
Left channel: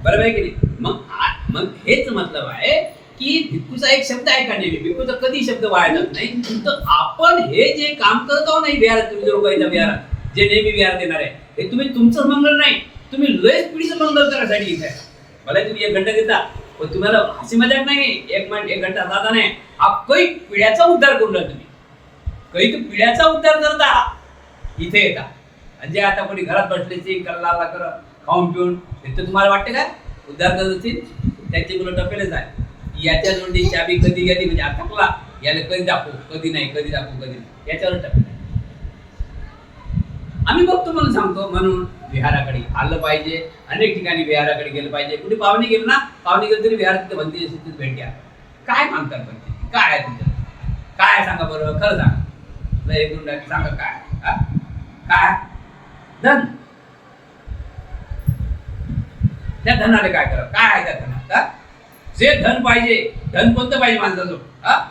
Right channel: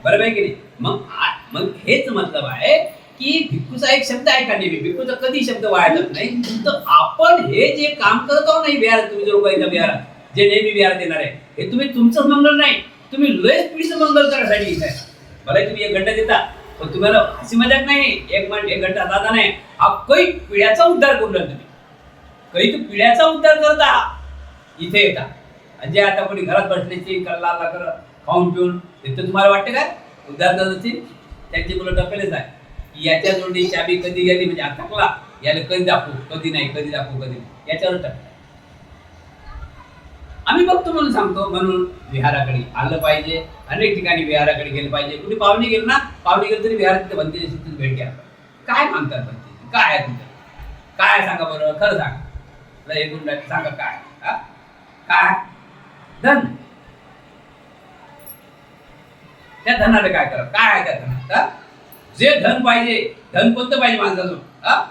बरोबर आहे की नाही? मग हेच मतलब आहे की भिक्खूचा एक शब्द आहे का नेहमी, भिक्खूचा कधी शब्द वाया जात नाही. तर आपण हे जे काम करत आहो नाही विहारात, तुम्ही जर उगायच्या विहारात जे नेहमी विहारात येणार आहे, हे तुम्ही तुमचंच मंगल नाही, तुम्ही लयच पिढीचं मंगल करायसाठी इथे आहे. मला तुम्ही 1 घंटा देता, पण तुम्हाला हसी मजाक नाही. 1 घंटा दादा नाही, हा कैक पिढ्याचा उद्धार करून राहिला. तुम्ही कैक पिढ्याचा उद्धार करता इथे येता. आणि जे आता कोणी घरात बसले कल्ला कर खाऊन पिऊन, ते तुम्हाला वाटते काय उद्धार करत असतील? त्यांची मुलं टपेलेच आहे. याच्या जोडी चाबी कधी गेली म्हणजे अटकला, याला कधी दाखवू, कधी नाही, कधी दाखवू, कधी नाही, याच्यावर टपेल आहे. आम्ही बघतो म्हणून सांगतो. म्हणून विहाराकडे आलं पाहिजे. अनेक ठिकाणी विहाराकडे गेलं पाहिजे. कुठे पाहुणे गेलं ना, पाहुणे गेलं तरी विहारात तिथे बनते तिथे भेट घ्या. काय मागतात बनते, काय आहे तुमच्या, काय आहे सांगा बरं, खरं सांगा. हे गुंडा सांगा काय, हा? काय धन, त्या धनाला काय करा, काय आहे त्या धनात, हा? जे धन पाहिजे, धन कोणतं पाहिजे माणसाचं, हा?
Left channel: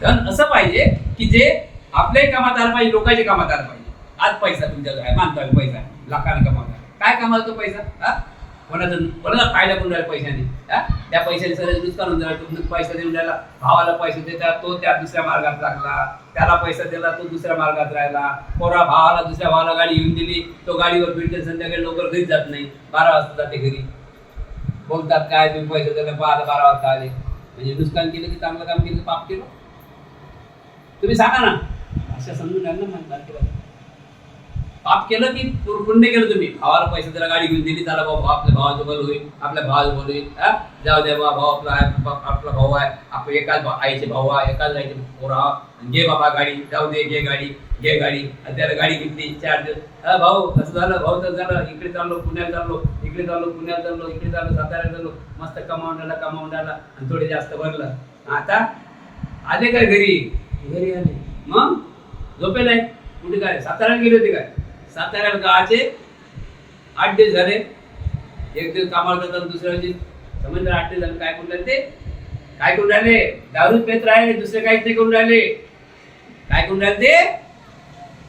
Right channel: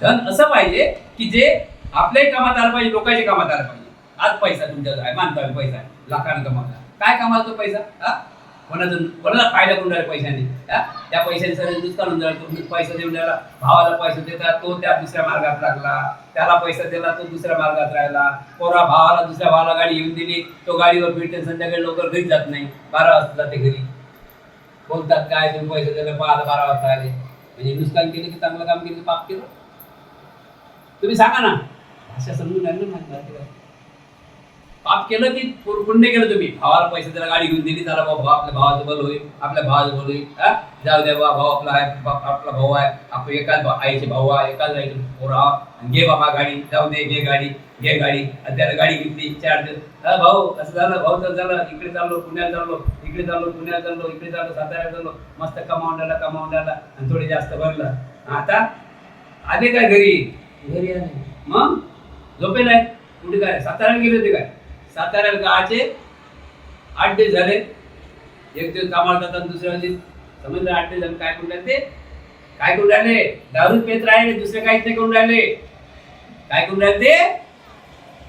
धन असं पाहिजे की जे आपल्याही कामात आलं पाहिजे, लोकांच्या कामात आलं पाहिजे. आज पैसा तुमच्याकडे आहे, मानता पैसा आहे, लाखाने कमावला, काय कमावला तो पैसा, हा? कोणाचा फायदा करून राहिला पैशाने, हा? त्या पैशाने सगळं नुकसान होऊन राहिलं. तो पैसा देऊन राहिला, भावाला पैसा देतात, तो त्या दुसऱ्या मार्गात लागला. त्याला पैसा दिला, तो दुसऱ्या मार्गात राहिला. पोरा भावाला दुसऱ्या भावाला गाडी घेऊन दिली, तो गाडीवर फिरते, संध्याकाळी लवकर घरी जात नाही, 12 वाजता जाते घरी. बोलतात काय तुम्ही पैसे दिले, 12 वाजता आले. म्हणजे नुकसान केलं की चांगलं काम केलं, पाप केलं? तुम्ही सांगा ना, भाषा समजून घ्या ना. माझ्या पाप केलं की पुण्य केलं तुम्ही? भावाला पैसे दिला, गाडी घेऊन दिली, त्याला बाबा आपल्या भावाचं बल होईल, आपल्या भावाचं बल होईल, हा? जाऊ द्या बाबा, भाऊ आपला आहे, आपला भाऊ आहे, आपण एकाच आईचे भाऊ आहे, एकाच आईचे पोरा, घे बाबा गाडी, जाऊ दे, घे गाडी, घे गाडी. त्याला गाडी घेतली 4 दिवस, हा भाऊ असं झालं, भाऊ तर झालं, इकडे चाललो, पुण्याला चाललो, इकडे चाललो, पुण्याला चाललो, इकडे चाललो, साताऱ्याला चाललो, मस्त कमावून राहिला आणि थोडे जास्त भरलं. आता आले काय घरी? घरी आले, मग झोपेला आहे. कुठे काय, साताऱ्याला गेले होते काय? साताऱ्याला गावाचे 8 दिवस झाले. एक दिवस कामाला जातात, दुसऱ्या दिवशी समजलं 8 दिवस झाले. काय करून राहिले ते? काय करून राहिले? दारू पेत राहिले, दुसरे काहीच नाही करून राहिले. काय करून राहिले ते?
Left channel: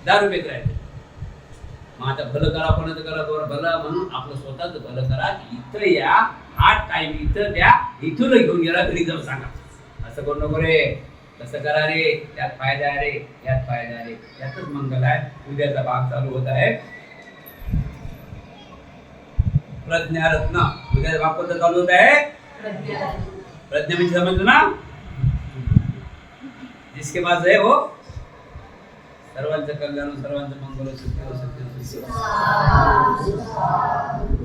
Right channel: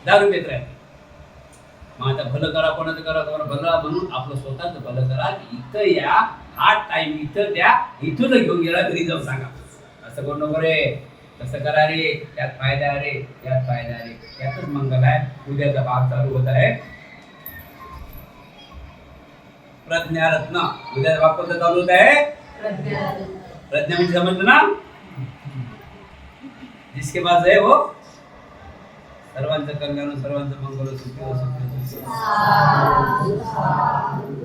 दारू पेत राहिले. मग आता भलं करा, कोणाचं करा, भलं म्हणून आपलं स्वतःच भलं करा. इथं या, हा टाइम इथं द्या, इथून घेऊन गेला घरी जाऊन सांगा. असं करू नको रे, कसं करा रे, त्यात फायदा आहे रे, यात फायदा आहे रे, यातच मंगल आहे. उद्याचा भाग चालू होत आहे प्रज्ञारत्न. उद्याचा भाग कोणता चालू होत आहे? प्रज्ञा म्हणजे समजलं ना, जिसके पास आहे वो सर्वांचं कल्याण, सर्वांचं मंगल, सुखी हो, सुखी हो, सुखी हो.